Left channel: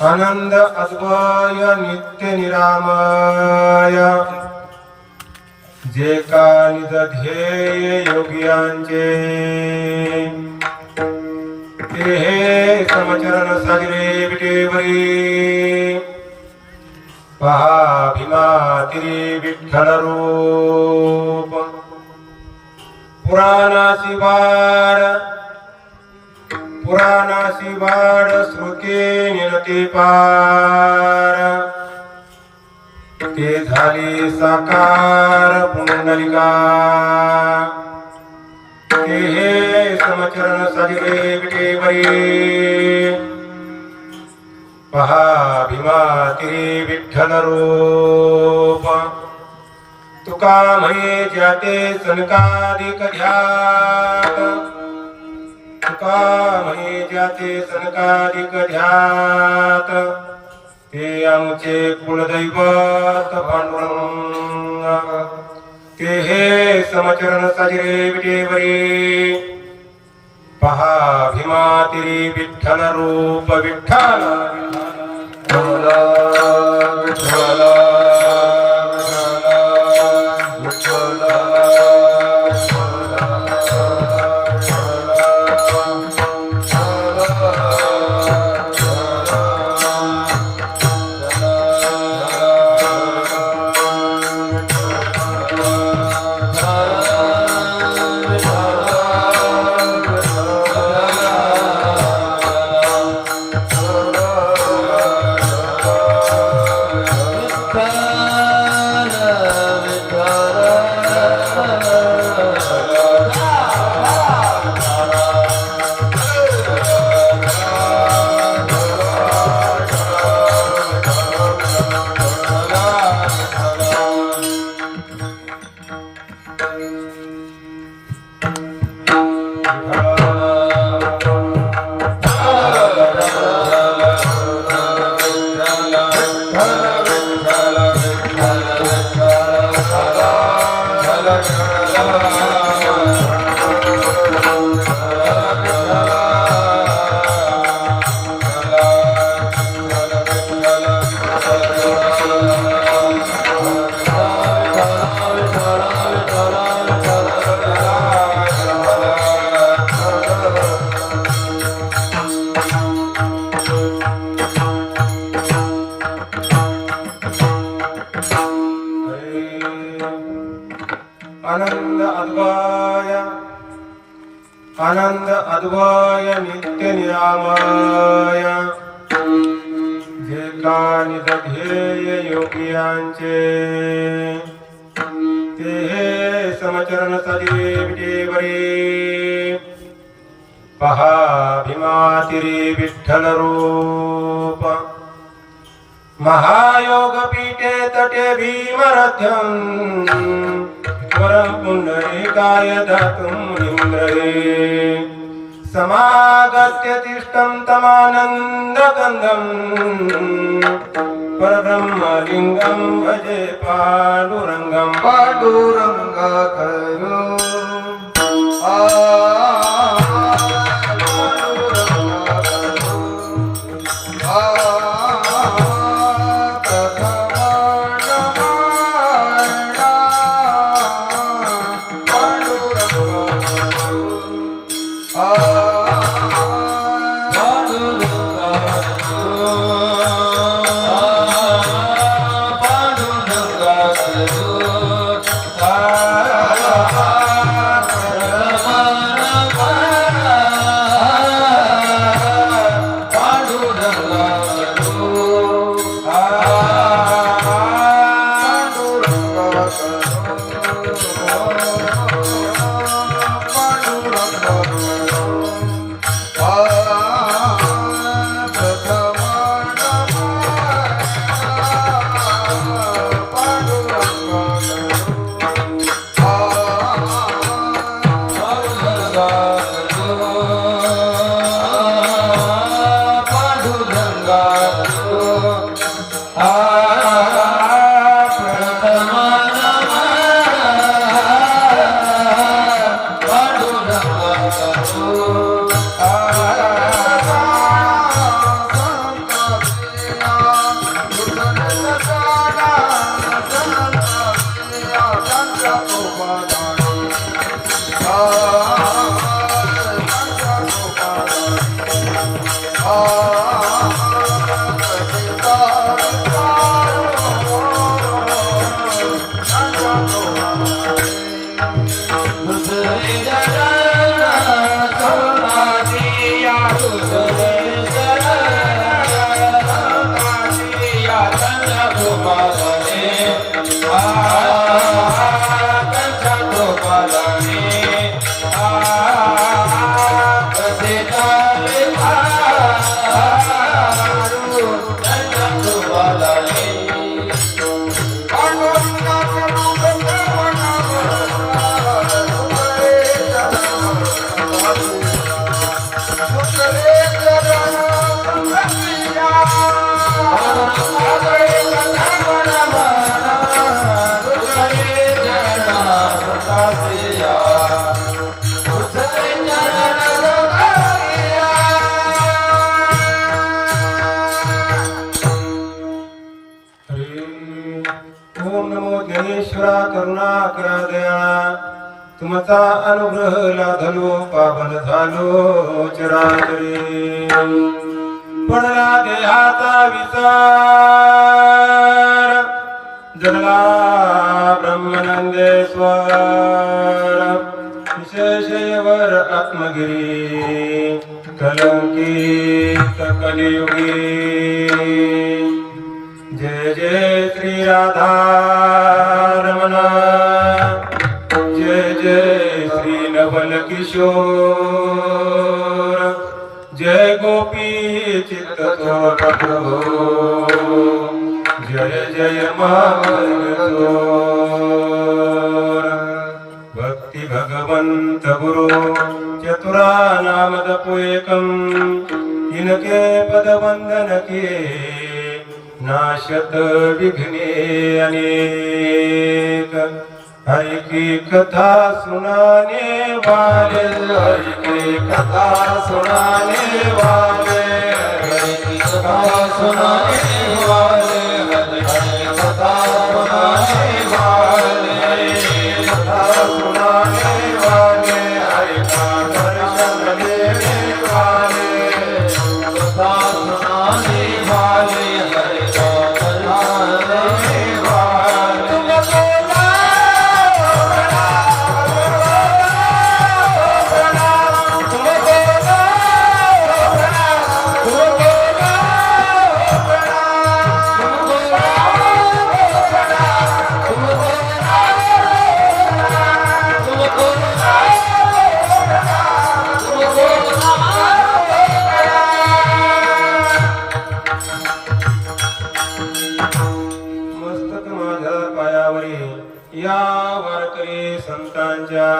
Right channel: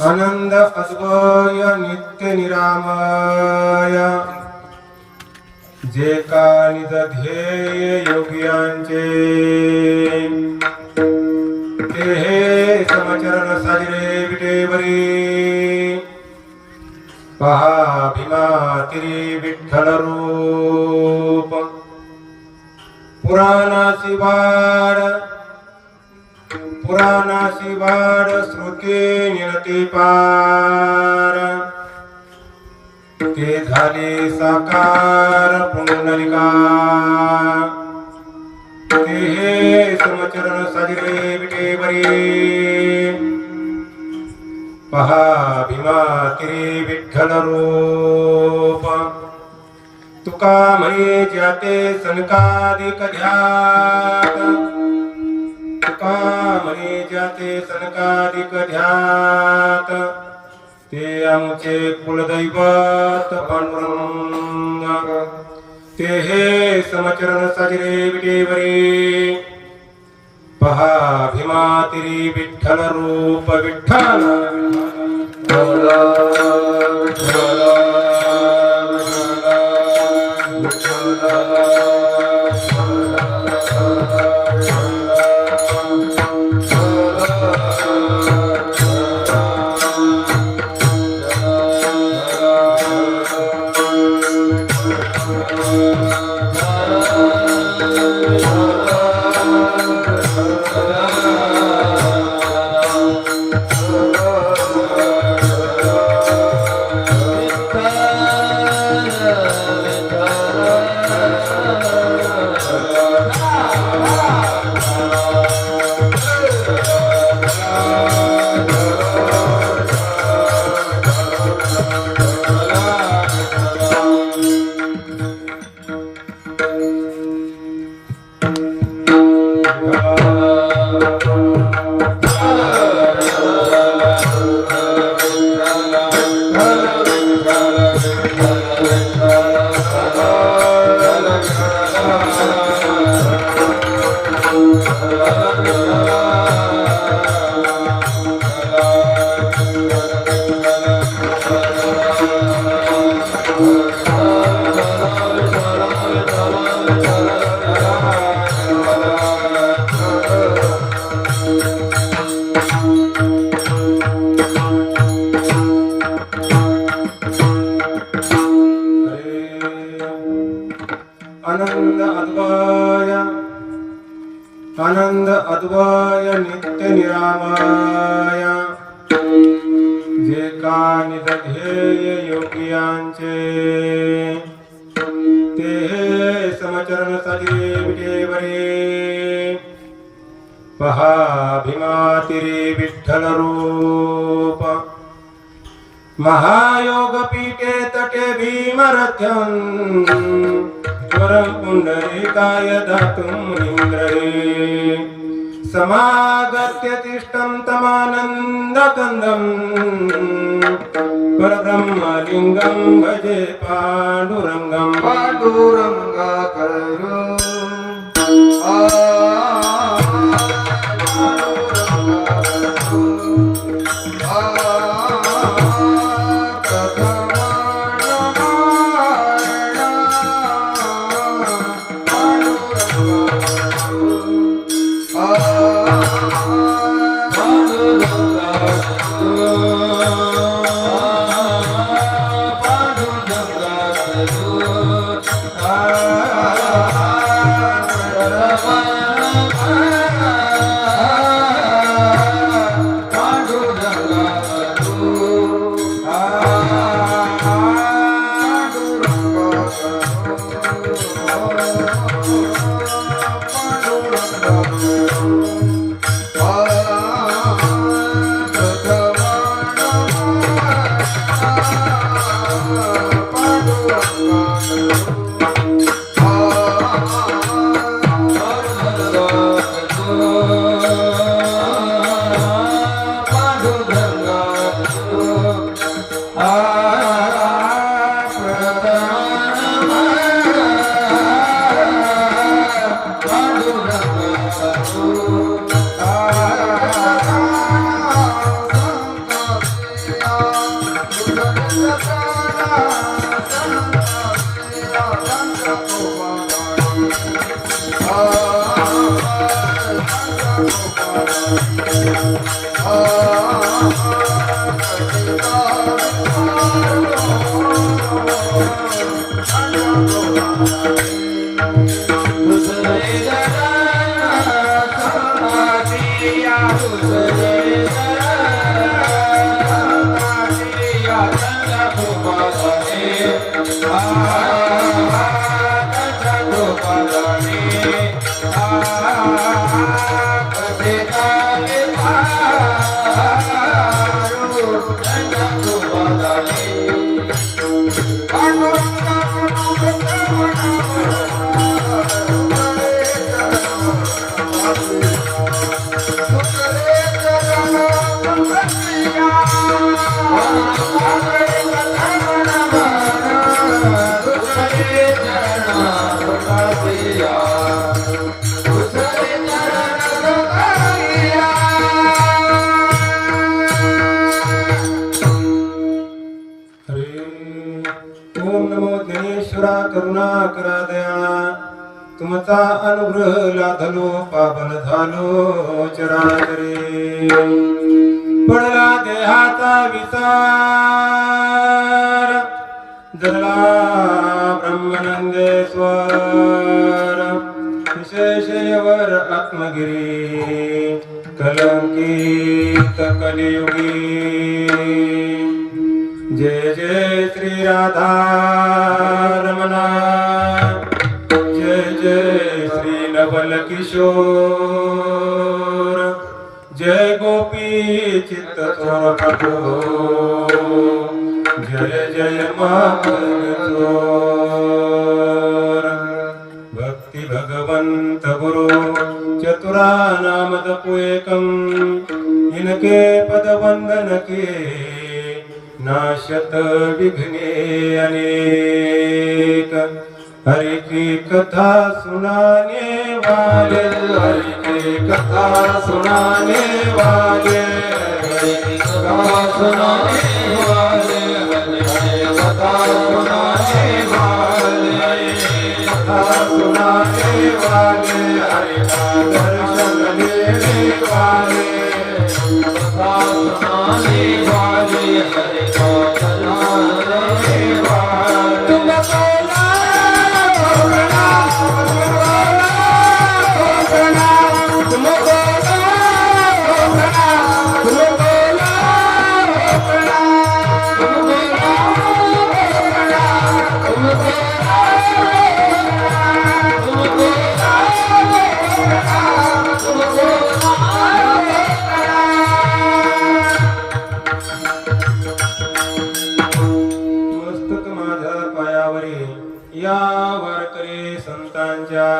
आनंद अद्वय नित्य निरामय जे का निज ध्येय योगियांचे ते हे समचरण सागरे विटेवरी पहा भीमा तिरी विठ्ठल रूप पुराणाची वाड श्रोके निरते पार ते झाले साकार पुंडलिका ते हे समचरण सागरे विटेवरी पहा भीमा तिरी विठ्ठल रूप तुका म्हणे जाते सनकादिक ध्यात तुका म्हणे जाते सनकादिक ध्यात ते आमचे कुलदैवत पांडुरंग ते हे समचरण साजरे विटेवरी पहा भीमा तिरी विठ्ठल रूप विठ्ठल आनंद अद्वय नित्य निरामय जे का निज ध्येय योगियांचे ते चरण सजले विटेवरे पहा भीमातिरे विठ्ठल रूप महायोग पीठे तटे भीमरथ्यं पुंडरीकाय दातुं इंद्रे समागत्य तिष्ठं तमानन्दकन्दं परब्रह्मलिङ्गं भजे पाण्डुरङ्गं पाण्डुरङ्गाकयो तुमचा अनुग्रह लाधलो पावन झालो चराचरी पडला देहाचा विचार जगला ब्रह्मानंदेश्वर विशेषवर आत्मगिरी कलंकित कलियुगी जय जय श्री राधा रमणा जय जय श्री नवल किशोर जय गोपी चित्त चोर जय जय माधुर भक्ति भगवंत गुरु चतुरा नामद पुएकम इनके पद वंदन किए नाशत विघ्ने अनेक हरि की कथा सुनाने वाले हरि की कथा सुनाने वाले हरि की कथा सुनाने वाले हरि की कथा सुनाने वाले कथा सुनाने वाले हरि का दर्शन लेने वाले कथा सुनाने वाले हरि का दर्शन लेने वाले करी संतांच्या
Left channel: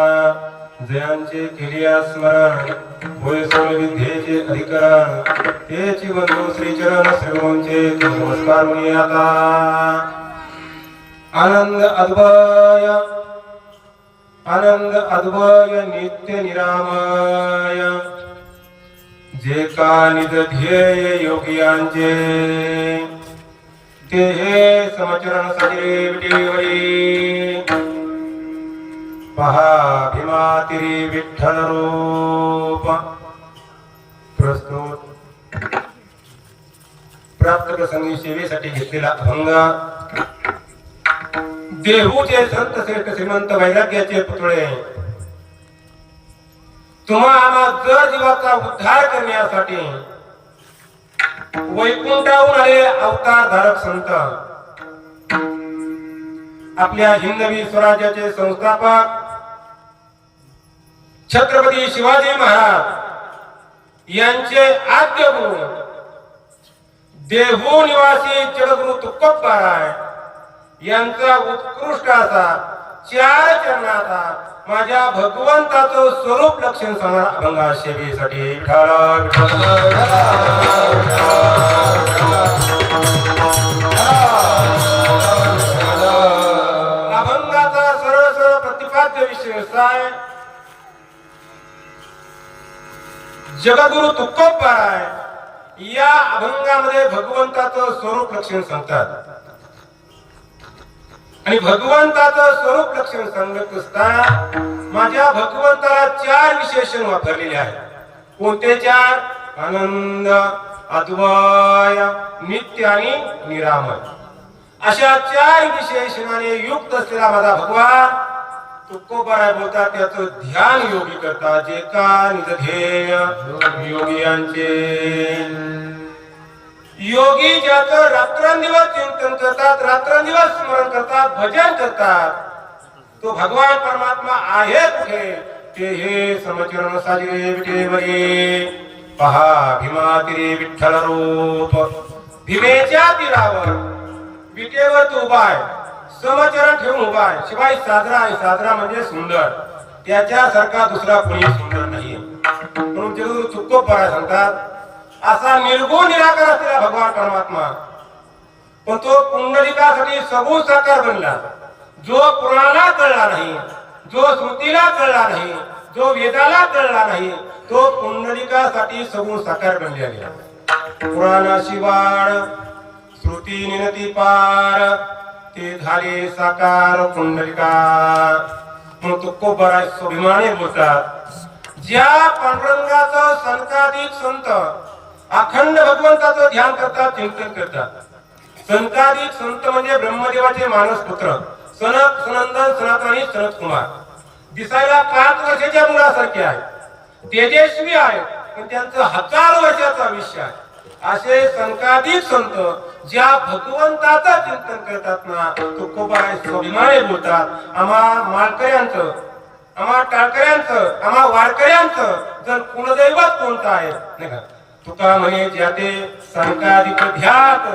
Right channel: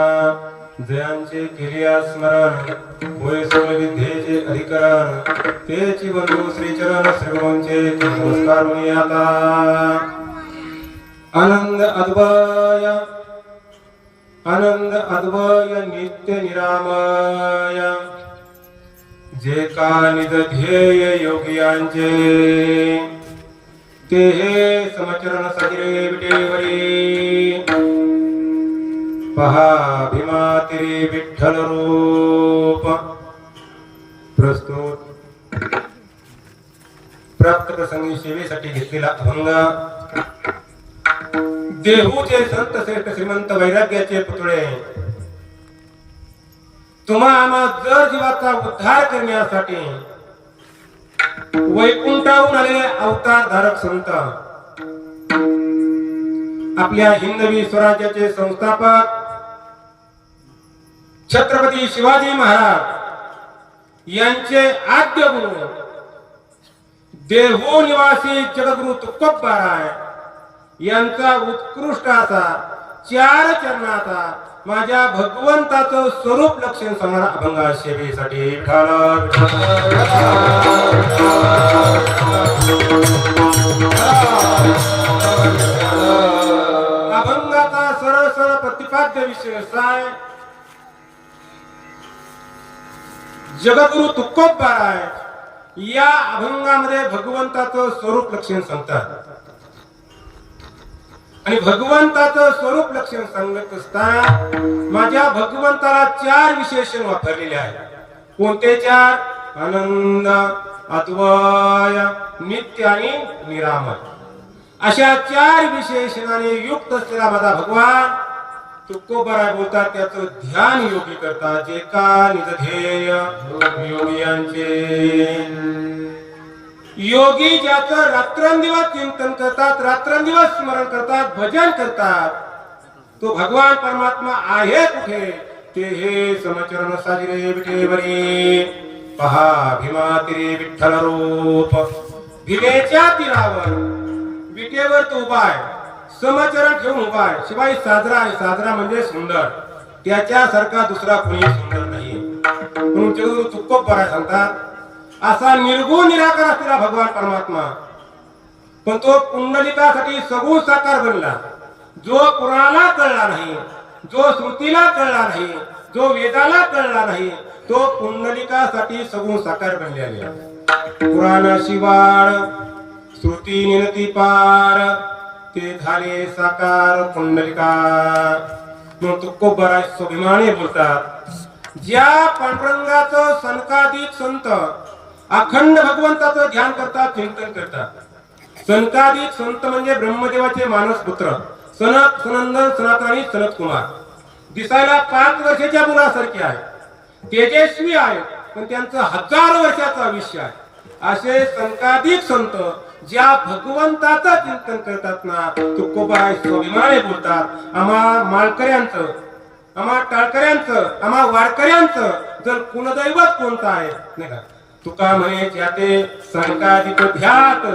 जयांचे केलिया स्मरण होय सर्व विद्येचे अधिकरण तेची बंधू श्रीचरण श्रीगुरूंचे नमस्कार मी आता आनंद अद्वय नित्य निरामय जे का निज ध्येय योगियांचे ते समचरण सजरे विटेवरी पहा भीमातिरी विठ्ठल रूप प्रस्तुत प्राप्त प्रसंगी सेवेसाठी घेतलेला अभंग देहूचे संत श्रेष्ठ श्रीमंत वैराग्याचे पुतळे तुम्हा आम्हा जर जीवाचा उद्धार करण्यासाठी वैकुंठाहून आले अवतार धारक संत आपल्या हिंदवी स्वराज्याचे संस्थापक छत्रपती शिवाजी महाराज यांचे आद्य गुरु देहू निवासी जगद्गुरु तुकोबाराय यांचा उत्कृष्ट असा 4 चरणाचा माझ्या भगवंताचं स्वरूप लक्षण सांगणारा अभंग सेवेसाठी अभंगाचा सरळ प्रतिपाद्य विषय काय जगद्गुरु तुकोबाराय या अभंगामध्ये भगवंताचं स्वरूप लक्षण सांगतात आणि भगवंताचं स्वरूप लक्षण सांगत असताना माझ्या भगवंताला 4 विशेषण वापरलेले आहेत कोणते 4 आनंद अद्वय नित्य आणि निरामय अशा 4 विशेषणाने युक्त असलेला माझा भगवान तुकोबाराय बोलतात त्याचं ध्यान योगी करतात जे का निज ध्येय योगियांचे योगी ज्याचं रात्रंदिवस चिंतन करतात रात्रंदिवस स्मरण करतात भजन करतात तो भगवान परमात्मा आहे कुठे ते हे समचरण साजरे विटेवरी पहा भीमातिरी विठ्ठल रूप भीमेच्या तीरावर विटेवर तो उभा आहे समचरण ठेवून उभा आहे शिवाय साजरा आहे साजरा म्हणजे सुंदर त्याच्यासारखा दुसरा कोणी सुंदर नाही म्हणून जगद्गुरु तुकोबाराय सांगतात असा निर्गुण निराकार असलेला भगवान परमात्मा पण तो पुंडलिकासाठी सगुण साकार बनला जो पुराणाला कळला नाही जो श्रुतीला कळला नाही जो वेदाला कळला नाही तो पुंडलिकासाठी सगुण साकार बनलेला पुराण शिवाळ श्रुती निनती पार ते झाले साकार पुंडलिका म्हणून तुकोबाराय स्वाभिमानी बोलतात ज्या पांडुरंगाचं सनकाधिक संत अखंड भगवंताचं ध्यान करतात चिंतन करतात सनकाधिक संत म्हणजे ब्रह्मदेवाचे मानस पुत्र सनक सनंदन सनातन आणि सनत कुमार दिसायला 5 वर्षाच्या मुलासारखे आहे तेजस्वी आहे पण त्यांचं 1000 वर्षाचं आयुष्य आहे असे सनकाधिक संत ज्या भगवंताचं चिंतन करतात ना तुकोबाराय स्वाभिमानी बोलतात आम्हा माळकऱ्यांचं आम्हा टाळकऱ्यांचं आम्हा वारकऱ्यांचं जर कुलदैवत कोणतं आहे नाही का तुका म्हणे ज्याते संकाधिक ध्यात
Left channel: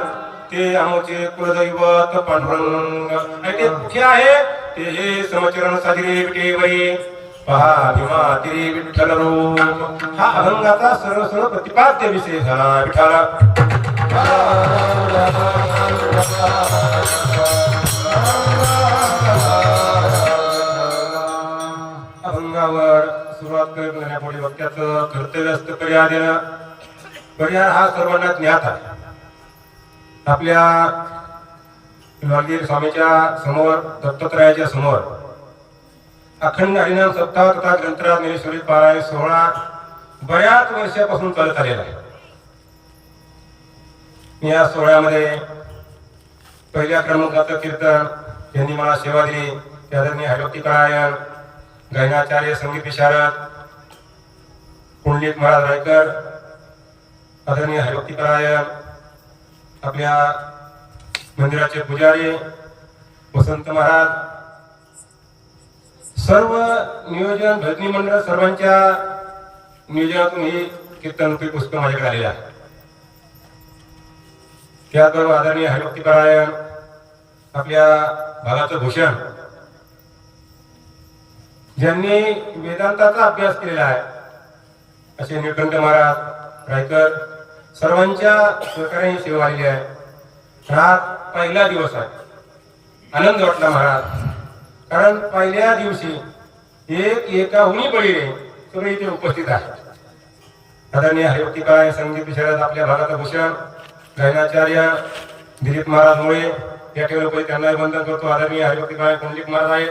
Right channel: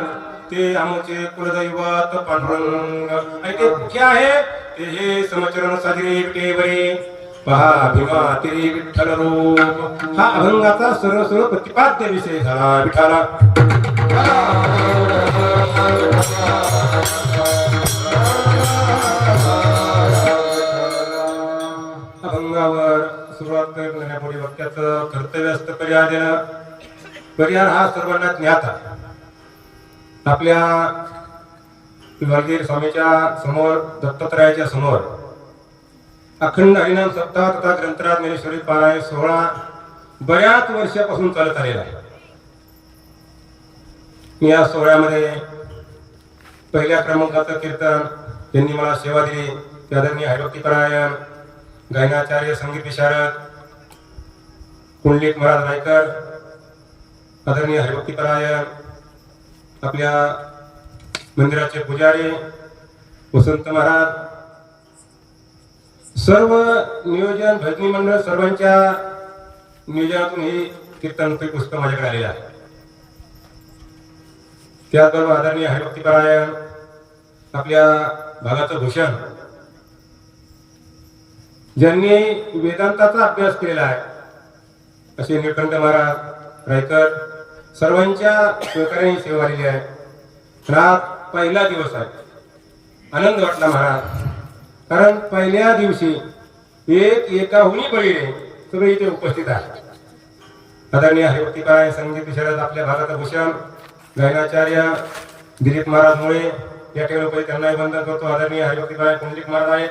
ते आमचे कुलदैवत पांडुरंग आणि ते कुठे आहे ते हे समचरण साजरे विटेवरी पहा भीमातिरी विठ्ठल रूप हा अभंगाचा सर्व प्रतिपाद्य विषय झाला विठाला अभंगावर सुरुवात करण्यापुढे वक्त्याचं कर्तव्य असतं परिहार हा सर्वांना ज्ञात आहे आपल्या विभागीय स्वामीच्या समोर दत्तात्रयाच्या समोर अखंड हरिनाम सप्ताह तथा ग्रंथराज ज्ञानेश्वरी पारायण सोहळा बऱ्याच वर्षापासून चालत आलेला आहे या सोहळ्यामध्ये पहिल्या क्रमांकाचं कीर्तन त्यांनी मला सेवा दिली ते आदरणीय हरिभक्ती पारायण गायनाचार्य संगीत विशारद पुंडलिक महाराज रायकर आदरणीय हरिभक्ती पारायण आपल्या मंदिराचे पुजारी वसंत महाराज सर्व नियोजन भजनी मंडळ सर्वांच्या नियोजनातून ही कीर्तन पुस्तक माझ्याकडे आलेलं आहे त्याचबरोबर आदरणीय हरिभक्ती पारायण आपल्या भागाचं भूषण ज्यांनी वेदांताचा अभ्यास केलेला आहे असे निळकंठ महाराज, रायकर सर्वांच्या सहकार्याने सेवा आलेली आहे. आज पहिला दिवस आहे. आनंद वाटला महाराज, कारण पहिल्या दिवशी एकाहुनी बळीने सगळे इथे उपस्थित आहेत. आदरणीय हरिभक्तीकाय संगीत विशारद आपल्या भागाचा भूषण गायनाचार्य दिलीप महाराज मुळे या ठिकाणी त्यांना वंदन करतो. आदरणीय हरिभक्तीकाय कुंडलिक महाराज आहेत.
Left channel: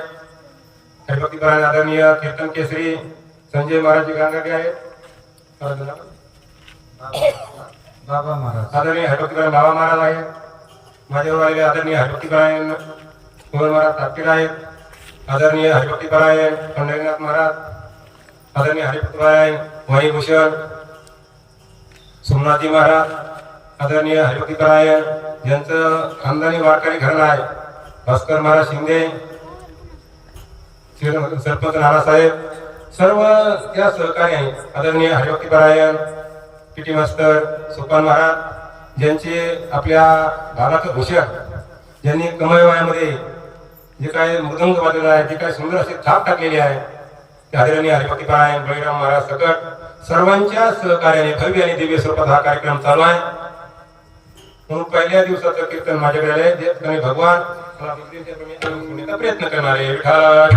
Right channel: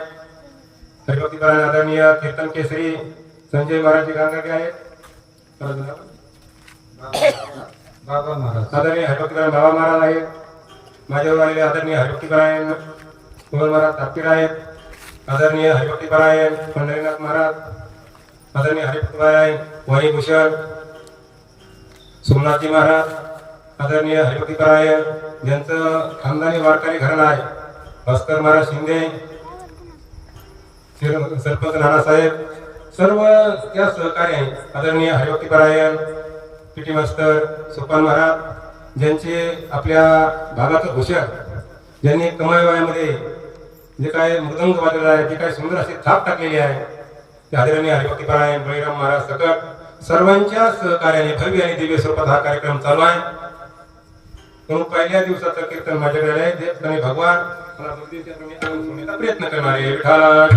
हरिभक्तीकाय आदरणीय कीर्तन केसरी संजय महाराज गांगाटे आहेत. बाबा महाराज आदरणीय हरिभक्तीकाय बाबा महाराज आहेत. माझ्यावर आदरणीय हरिभक्तीकाय मोहन महाराज ठाकरे आहेत. आदरणीय हरिभक्तीकाय पंढरीनाथ महाराज, आदरणीय हरिभक्तीकाय मणिभूषण सोमनाथजी महाराज, आदरणीय हरिभक्तीकाय ज्यांचं खानदानी वारकरी घराणं आहे भास्कर महाराज शिंदे, सरपंच नानासाहेब, सर्व त्या सहकारी आहे. आदरणीय हरिभक्तीकाय पीटी मास्तर सोपान महाराज ज्यांचे आपल्या भागाचं भूषण, ज्यांनी कमाई वयामध्ये जे काय मृदंग वाजवलेला आहे, जे काय सुंदर असे थाप टाकलेले आहे ते आदरणीय हरिभक्तीकाय बळीराम महाराज सकट सर्वांच्या सहकार्याने भव्य आणि दिव्य स्वरूपात हा कार्यक्रम चालू आहे. म्हणून पहिल्या दिवसाचं कीर्तन माझ्याकडे आले. जे भगवान मला बुद्धीचा प्रयत्न करणारे विठ्ठल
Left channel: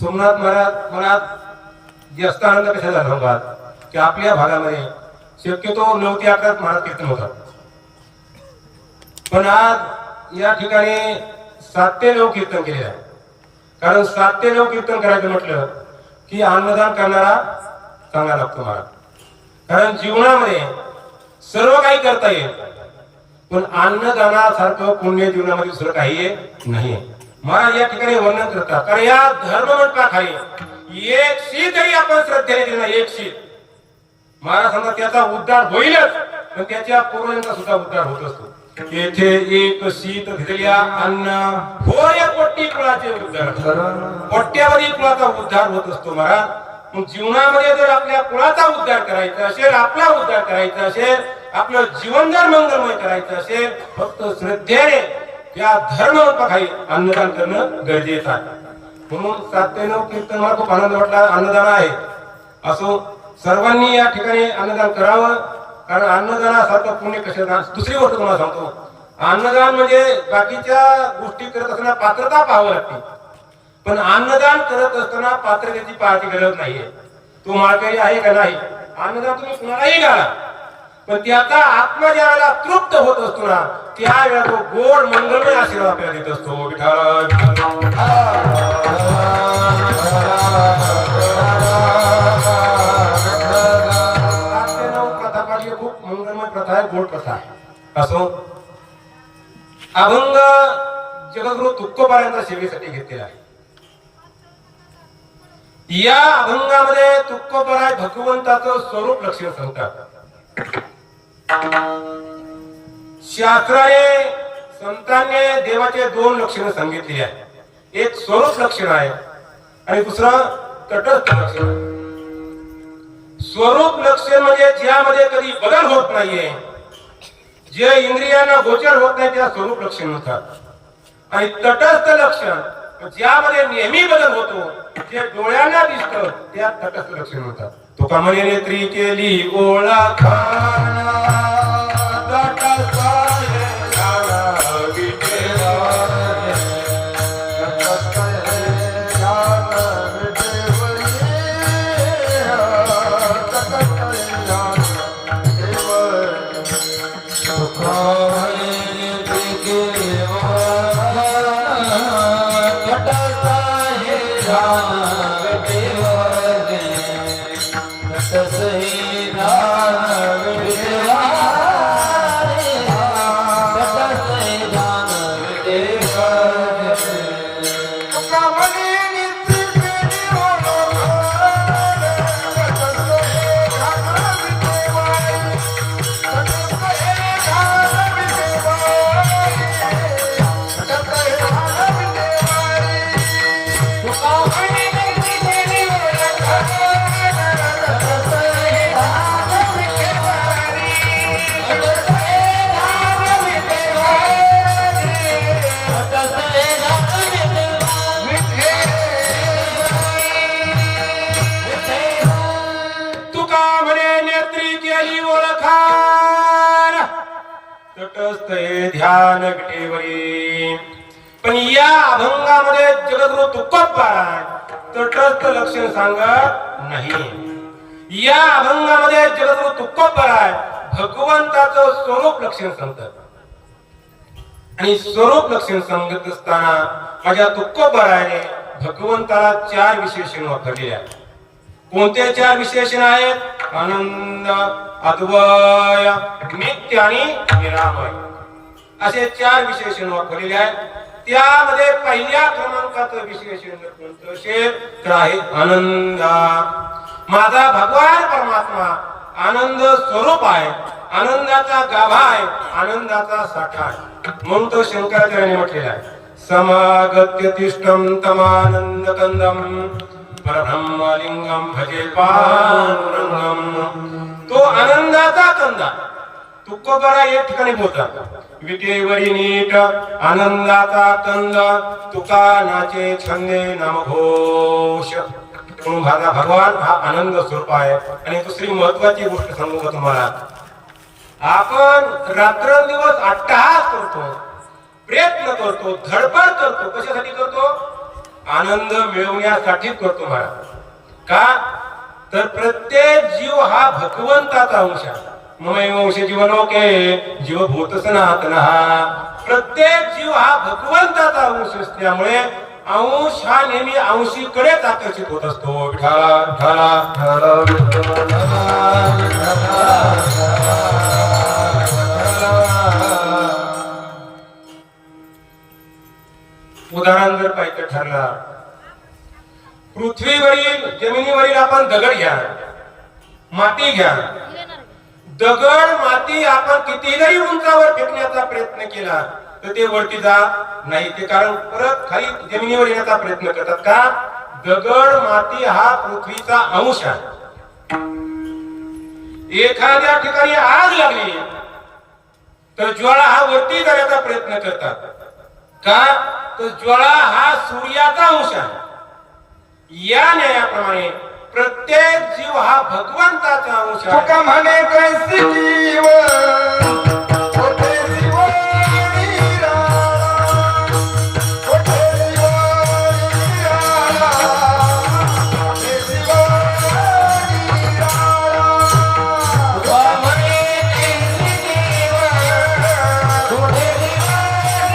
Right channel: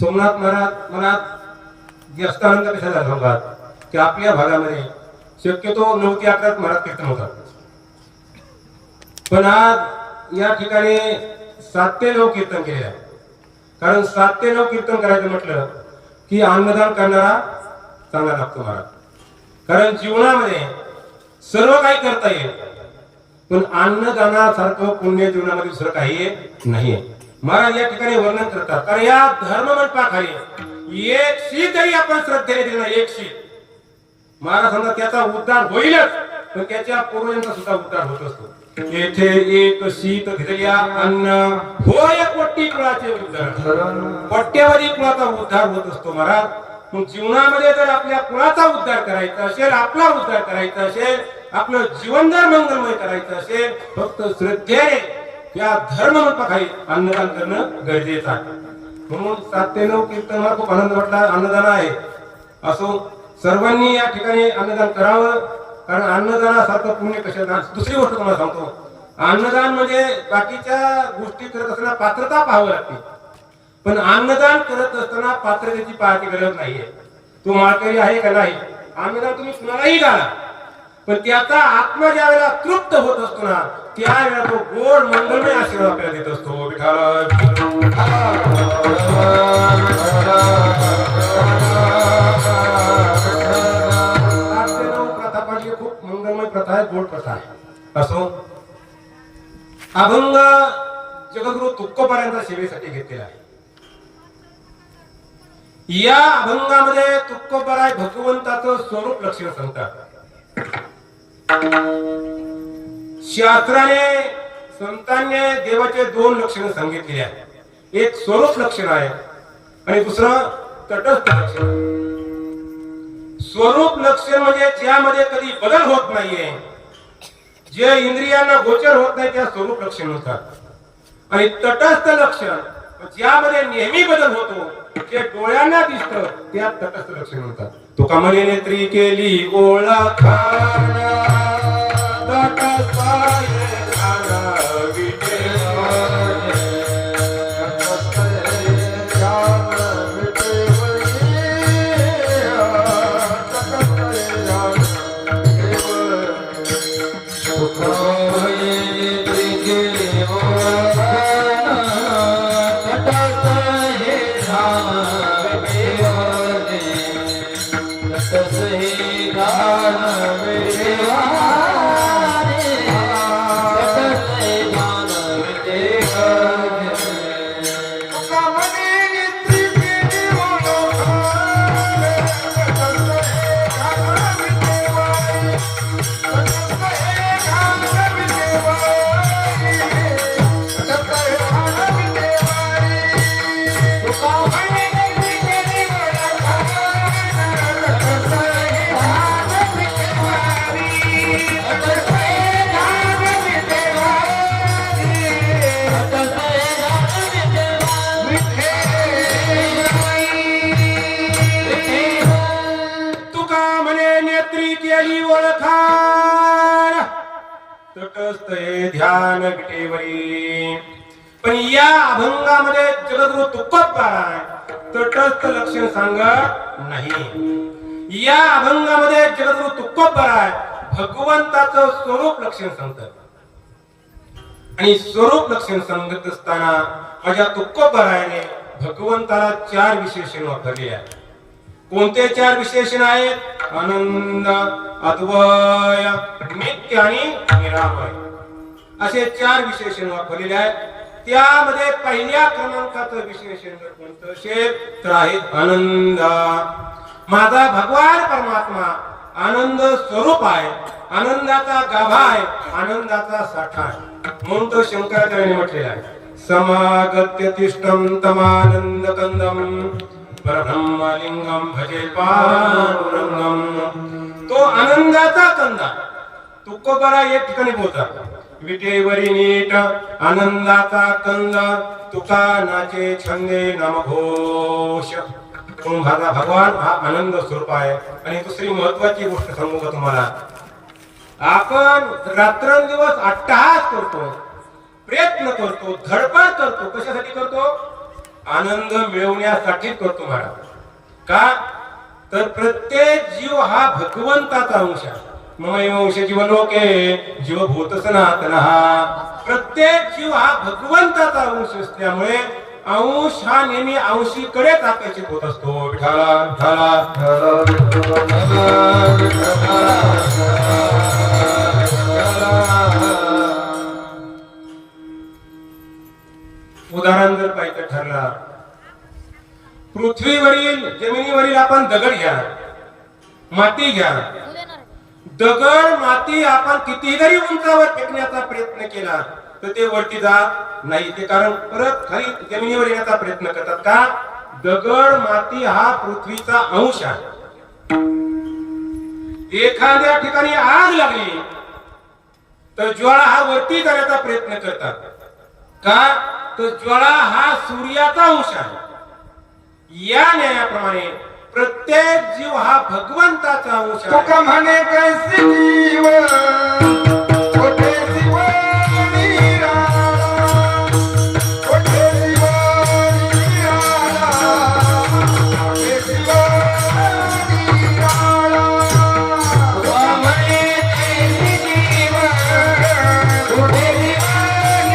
सोमनाथ महाराज मनात जास्त आनंद कशाला झाला की आपल्या भागामध्ये शक्यतो 9 ते 11 महाराज कीर्तन होतात, पण आज या ठिकाणी 7 ते 9 कीर्तन केलेलं आहे. कारण 7 ते 9 कीर्तन करायचं म्हटलं की अन्नदान करणारा चांगला लागतो महाराज. कारण जीवनामध्ये सर्व काही करता येईल, पण अन्नदानासारखं पुण्य जीवनामध्ये दुसरं काही नाहीये. महाराज या ठिकाणी वर्णन करतात. कारण या धर्ममंडपाखाली एक शीतही आपण श्रद्धेने दिली नाही, एक शीत महाराज सांगतात त्याचा उद्धार होईलच, पण त्याच्या पूर्वजांचा सुद्धा उद्धार होत असतो. येथे एक शीत घेतल्या अन्न होय कोटी कुळाचे उद्धार, कोट्यावधी कुळाचा उद्धार होत असतो महाराज. मग जीवनामध्ये जर आपल्या कुळाचा उद्धार करायचा असेल, आपला उद्धार करायचा असेल, आपलं जीवनदार मंगलमय करायचं असेल, फक्त श्रद्धेने या धर्ममंडपाखाली अन्नदान करणं गरजेचं आहे. म्हणून 7 ते 9 कीर्तन मला खूप आनंद वाटला. अन्नदान आहे असो, सर्वांनी या ठिकाणी अन्नदान करावं. कारण अन्नदानासारखं पुण्य कशाला. दुसरी गोष्ट तुम्हाला सांगतो, अन्नदान म्हणजे बाकीच्या गोष्टी करत असताना पात्रता पाहावं लागते, पण अन्नदान करत असताना पात्रतेची पाहायची गरज नाहीये. तो माळकरी आहे का नाही, अन्नदान तुम्ही कुणालाही घाला, पण त्याचा आत्मा ज्या वेळेला तृप्त होत असतो ना, त्यावेळेला तो गोड मंगलमय आशीर्वाद आपल्याला देत असतो. खूप मंगलमय प्रथा आहे, गोड प्रथा आहे. असो, अभंग जगद्गुरु तुकोबारायांच्या सेवेसाठी घेतलेला आहे. या अभंगामध्ये तुकोबाराय भगवंताचं स्वरूप लक्षण सांगतात. शास्त्राने संतांनी देवाचे 2 लक्षण सांगितले आहे. एक स्वरूप लक्षण आहे आणि दुसरं तटस्थ लक्षण. स्वरूप लक्षण म्हणजे ज्यामध्ये कधी बदल होत नाहीये, जे इंद्रियांना गोचर होत नाही, त्या स्वरूप लक्षण म्हणतात. आणि तटस्थ लक्षण ज्यामध्ये नेहमी बदल होतो, जे डोळ्यांना दिसतं, त्या तटस्थ लक्षण म्हणतात. तुका म्हणे नेत्री केली ओळखा सही दान ध्यान विटेवरी. पण या अभंगामध्ये जगद्गुरु तुकोबाराय तटस्थ लक्षण सांगत नाही. या अभंगामध्ये जगद्गुरु तुकोबाराय भगवंताचं स्वरूप लक्षण सांगतात. आणि स्वरूप लक्षण सांगत असताना माझ्या तुकोबारायने भगवंताला 4 विशेषण वापरले आहेत. कोणते 4 विशेषण आहेत? आनंद, अद्वय, नित्य आणि निरामय असे 4 विशेषण वापरलेले आहेत. त्यामध्ये पहिल्या क्रमांकाचं विशेषण जर कोणतं असेल तर आहे आनंद. माझा भगवान परमात्मा आनंद स्वरूप आहे, आनंदाचा गाभा आहे, आनंदाचा साठा आहे. म्हणून तो शंकराचार्याने म्हटलेला आहे समागत्य तिष्ठम तमानंद कंदम परब्रह्मलिंगम भजे पांडुरंगम. तो आनंदाचा कंदा तुकोबारा एक ठिकाणी बोलतात विटेवरी नीट आनंदाचा कंदा तुका नाचे छंदे नामघोष. माझा भगवान हा आनंद स्वरूप आहे. आणि दुसरी महत्वाची गोष्ट सांगू का तुम्हाला, आपण रात्रंदिवस अट्टहास करतो, प्रयत्न करतो, धडपड करतो. कशासाठी करतो? आनंद मिळवण्यासाठी करतो महाराज. का तर प्रत्येक जीव हा भगवंताचा अंश आहे. ममैव अंश जीवलोके जीवभूत सनातनः. प्रत्येक जीव हा भगवंताचा अंश असल्यामुळे अंश हा नेहमी अंशीकडेच आकर्षित होत असतो. विठाला विठाला उदाहरण जर पाहिजे ठरला, पृथ्वीवरील जमिनीवरील आपण दगड घ्या, माती घ्या. दगड माती आपण किती जरी उंचावर फेकण्याचा प्रयत्न केला तर ते वरती जात नाही. ते कारण परत खाली जमिनीवर येण्याचा प्रयत्न करतात. का? दगड माती हा पृथ्वीचा अंश आहे. एखाद्या ठिकाणी आग लागली तर ज्वाळा हा वरती जाण्याचा प्रयत्न करतात. का? तर ज्वाळा हा सूर्याचा अंश आहे. या न्यायाप्रमाणे प्रत्येक जीव हा भगवंताचा अंश आहे. तुका म्हणे कैसी जीव कोठे जीव निराळा, कोठे जीव निराळा, कोठे जीव निराळा. तुका म्हणे कैसी जीव कोठे जीव निराळा, कोठे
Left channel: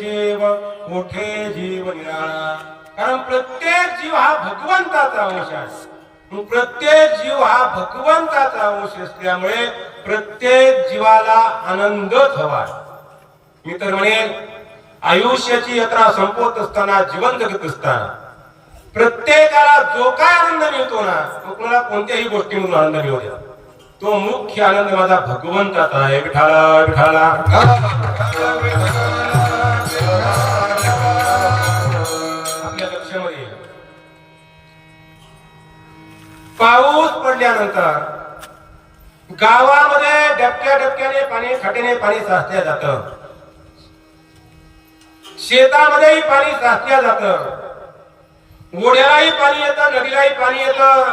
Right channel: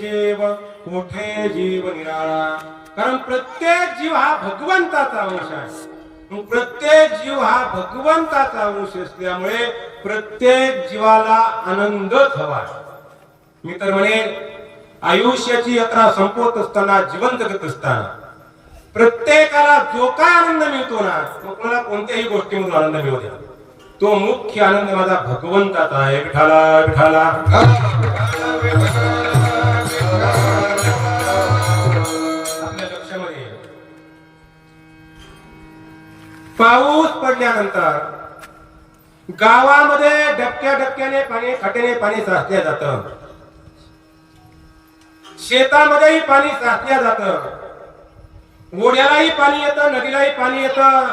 जीव मोठे जीव निराळा. कारण प्रत्येक जीव हा भगवंताचा अंश आहे. प्रत्येक जीव हा भगवंताचा अंश असल्यामुळे प्रत्येक जीवाला आनंदच हवा. मी तर म्हणेन आयुष्याची यात्रा संपवत असताना, जीवन जगत असताना प्रत्येकाला जो काय आनंद मिळतो ना, कोणाला कोणत्याही गोष्टीमधून आनंद मिळू द्या, तो मुख्य आनंद माझा भगवंताचा आहे. विठाला विठाला. पाऊस पडल्यानंतर गावामध्ये डबक्या डबक्याने पाणी, खटेने पाणी साचल्या जातं. शेतामध्येही पाणी साचल्या जातं. ओढ्यालाही पाणी येतं, नदीलाही पाणी येतं,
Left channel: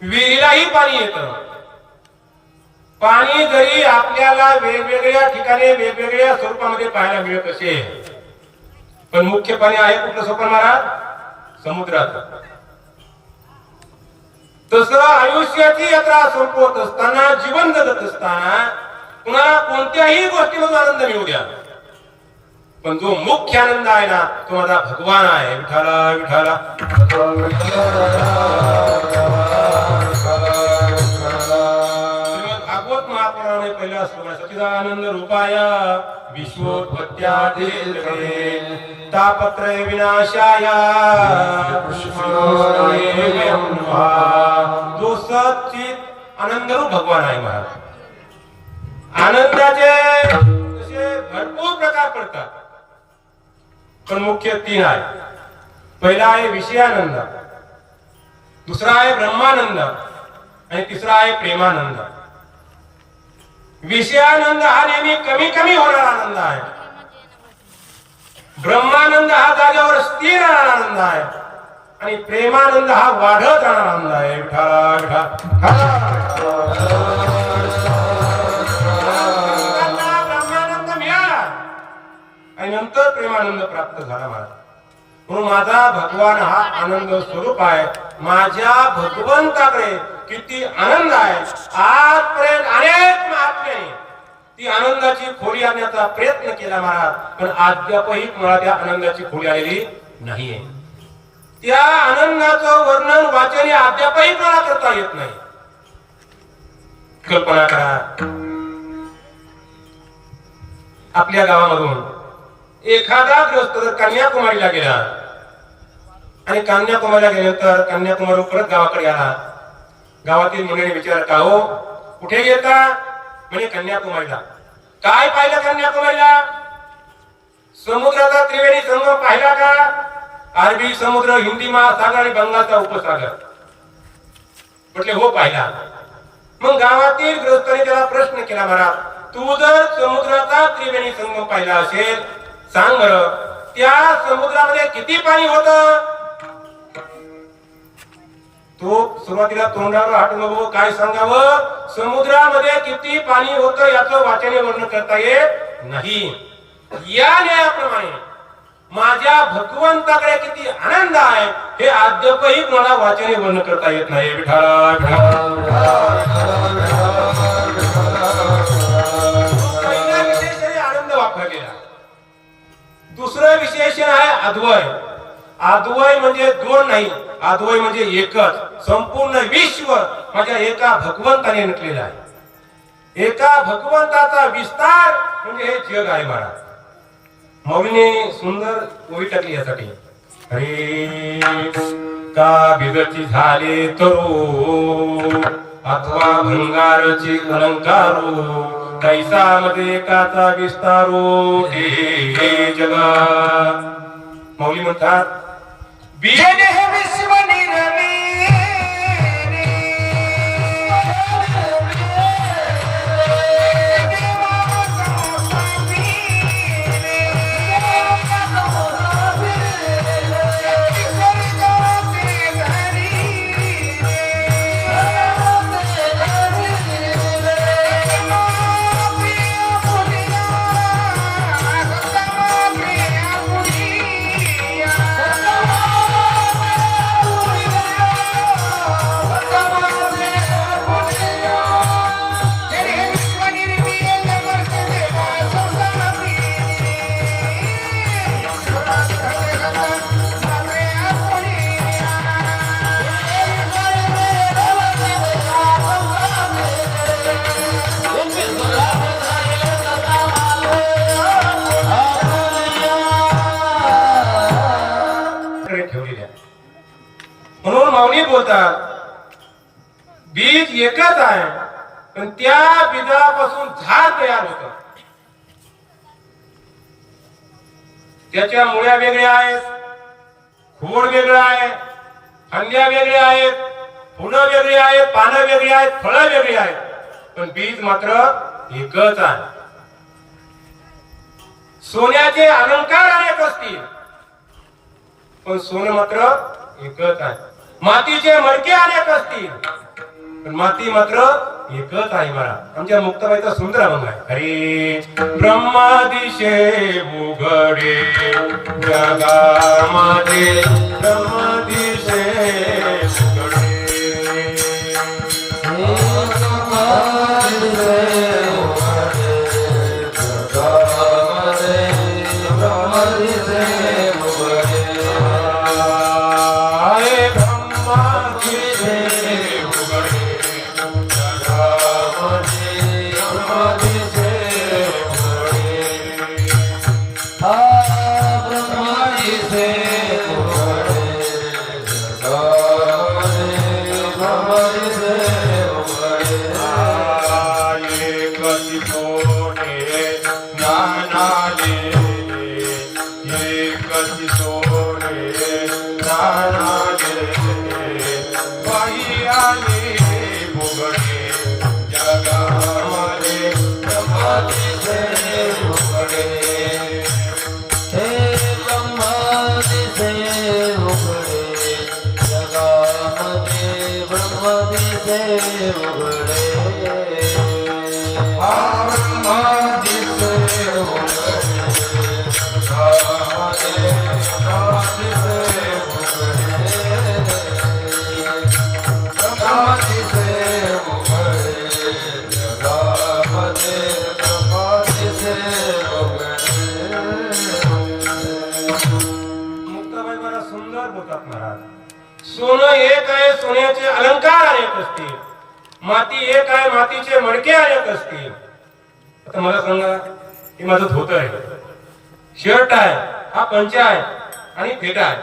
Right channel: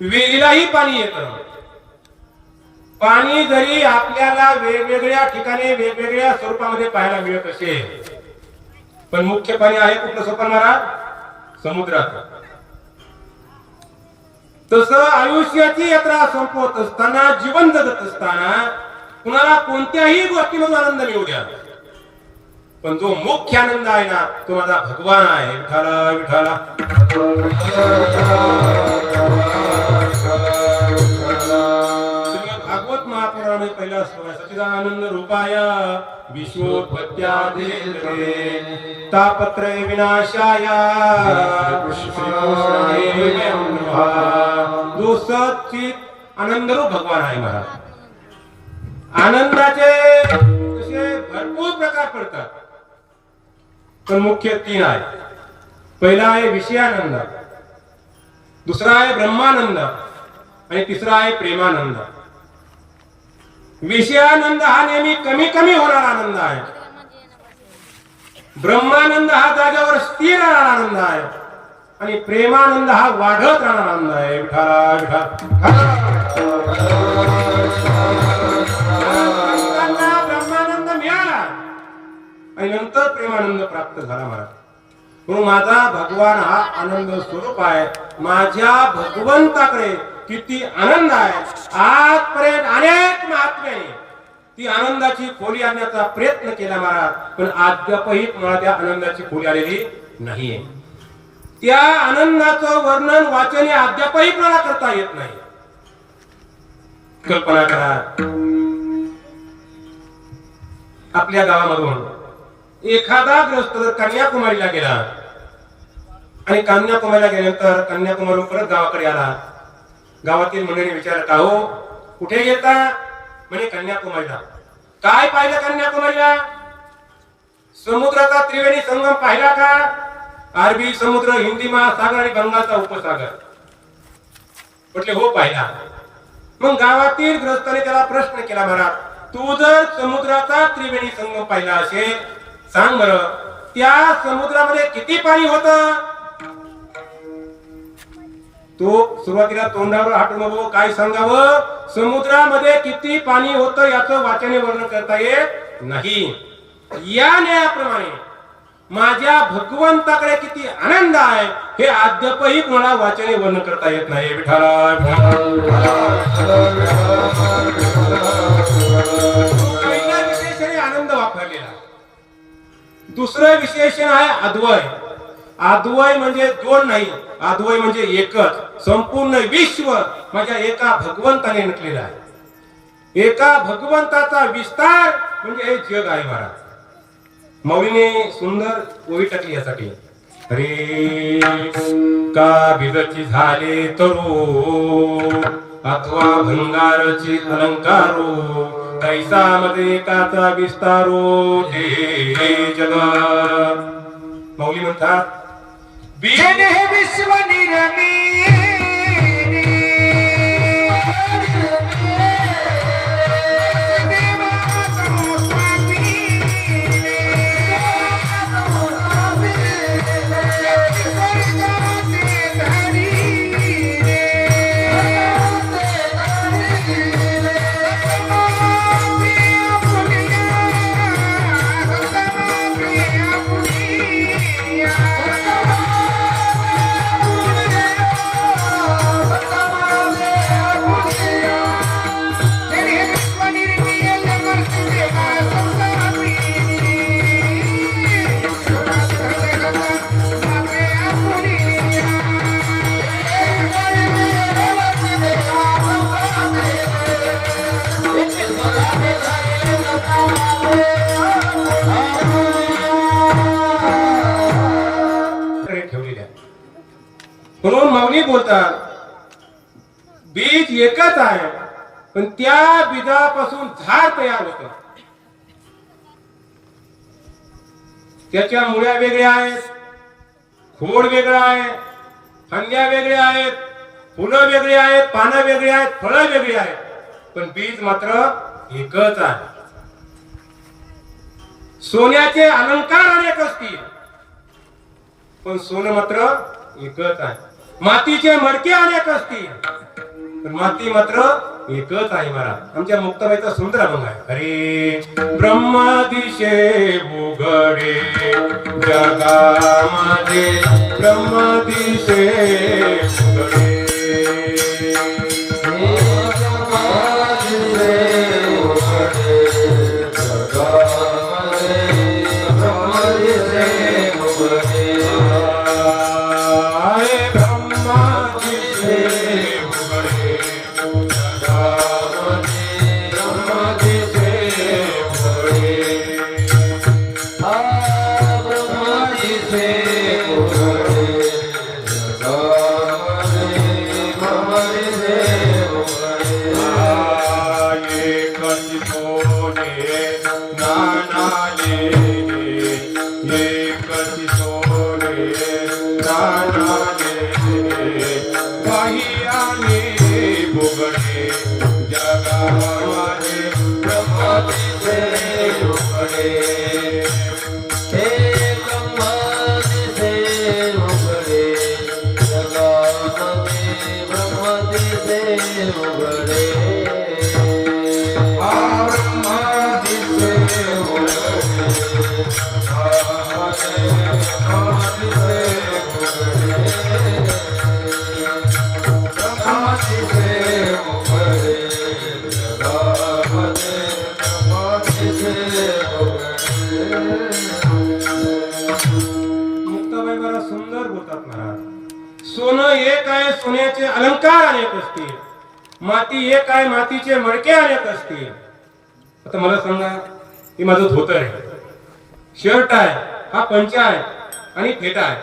विहिरीलाही पाणी येतं. पाणी जरी आपल्याला वेगवेगळ्या ठिकाणी वेगवेगळ्या स्वरूपामध्ये पाहायला मिळत असेल, पण मुख्य पाणी आहे कुठलं सोपन महाराज? समुद्रात. तसं आयुष्याची यात्रा संपवत असताना, जीवन जगत असताना कुणाला कोणत्याही गोष्टीमधून आनंद मिळू द्या, पण जो मुख्य आनंद आहे ना, तो माझा भगवान आहे. विठाला विठाला. पहिलं सच्चिदानंद रूपाय विश्वोत्पत्त्यादि तापत्रय विनाशाय जो सच्चित आनंद रूप भगवान आहे महाराज. आनंदाचे तसे भरपूर प्रकार पडतात, पण मुख्य तीन आहे. पहिला आहे विषयानंद, दुसरा आहे ब्रह्मानंद आणि तिसरा आहे प्रेमानंद. विषयानंद हा नेहमी कमी कमी होणारा आनंद आहे. ब्रह्मानंद हा जागेवर स्थिर राहणारा आनंद आहे आणि प्रेमानंद हा वाढत राहणारा आनंद आहे. विठा ब्रह्मानंद मिळाला आणि नंतर प्रेमानंद प्राप्त झाला मला. म्हणून माझा भगवान हा आनंद स्वरूप आहे. माझ्या भगवंताकडे किती आनंद आहे. आजपर्यंत अनेक महात्म्याने ती आनंदाची खोली आणण्याचा प्रयत्न केला महाराज, पण अद्यापही मला त्या आनंदाची खोली आलेली नाहीये. त्या आनंदाचं वर्णन वाचन अद्यापही मला करता येत नाही. कल्पना करा, आपल्या गावामधून एखादा गृहस्थ जर कन्याकुमारीला गेला आणि कन्याकुमारीला गेल्यानंतर कन्याकुमारी परत गावाकडे आला, गावातील मुलीने विचारलं, का हो कुठे गेलता? म्हणजे कन्याकुमारीला. काय पाहिलं कन्याकुमारीला? समुद्राचा त्रिवेणी संगम पाहिला का? अरबी समुद्र, हिंदी महासागर आणि बंगालचा उपसागर. म्हटले हो पाहिला. मग गावातील गृहस्थाने त्याला प्रश्न केला, महाराज तू जर समुद्राचा त्रिवेणी संगम पाहिला असेल, सांग बरं त्या समुद्रामध्ये किती पाणी होतं? तो सुरुवातीला तोंडावर हात नको, काय सांगावं? समुद्रामध्ये किती पाणी होतं याचं वाचने वर्णन करता येत नाही. या न्यायाप्रमाणे माझ्या भगवंताकडे किती आनंद आहे हे अद्यापही मला वाचने वर्णन करता येत नाही. विठ्ठला पहिला विशेषण आनंद वापरलेला. दुसरं विशेषण आहे अद्वय. अद्वय म्हणजे दोन नाही, अद्वय म्हणजे एकच. संपूर्ण विश्व माझ्या एका भगवंताने नटलेलं आहे. एका भगवंताचा विस्तार म्हणजे हे जग आहे महाराज. मौलीने सुंदर ओवी टाकली यासाठी. अरे का बिगती झाले तरो अथवा भंगारचे अलंकारो, कैसा मध्ये काचा विस्तारो हे जगा. मौली म्हणतात जन हे विश्व निरमी म्हणून माऊली बोलतात बीज एकच आहे, पण त्या बीजापासून झाड तयार होतं. त्याच्या मुळ्या वेगळ्या आहेत, खोड वेगळं आहे, फांद्या वेगळ्या आहेत, फुलं वेगळी आहेत, पानं वेगळी आहेत, फळं वेगळी आहेत, पण बीज मात्र एकच आहे. सोन्याचे अलंकार अनेक असतील, पण सोनं मात्र एकच आहे. मातीचे मडके अनेक असतील, पण माती मात्र एकच आहे. मला आमच्या मुक्ताबाईचा सुंदर अभंग आहे. हरे ब्रह्मदिशे उघडे जगामध्ये, ब्रह्मदिशे उघडे. जगामध्ये ब्रह्म दिसे उघडे हे ब्रह्म दिसे उघडे जगामध्ये ब्रह्म दिसे उघडे मुक्ताबाई बरा सुंदर बोलतात महाराज. सोनं एक आहे, सोन्याचे अलंकार अनेक असतील. माती एक आहे, मातीचे मडके अनेक असतील. आता मला सांगा, हे माझं धोतर आहे, शर्ट आहे, हा पंचा आहे आणि फेटा आहे.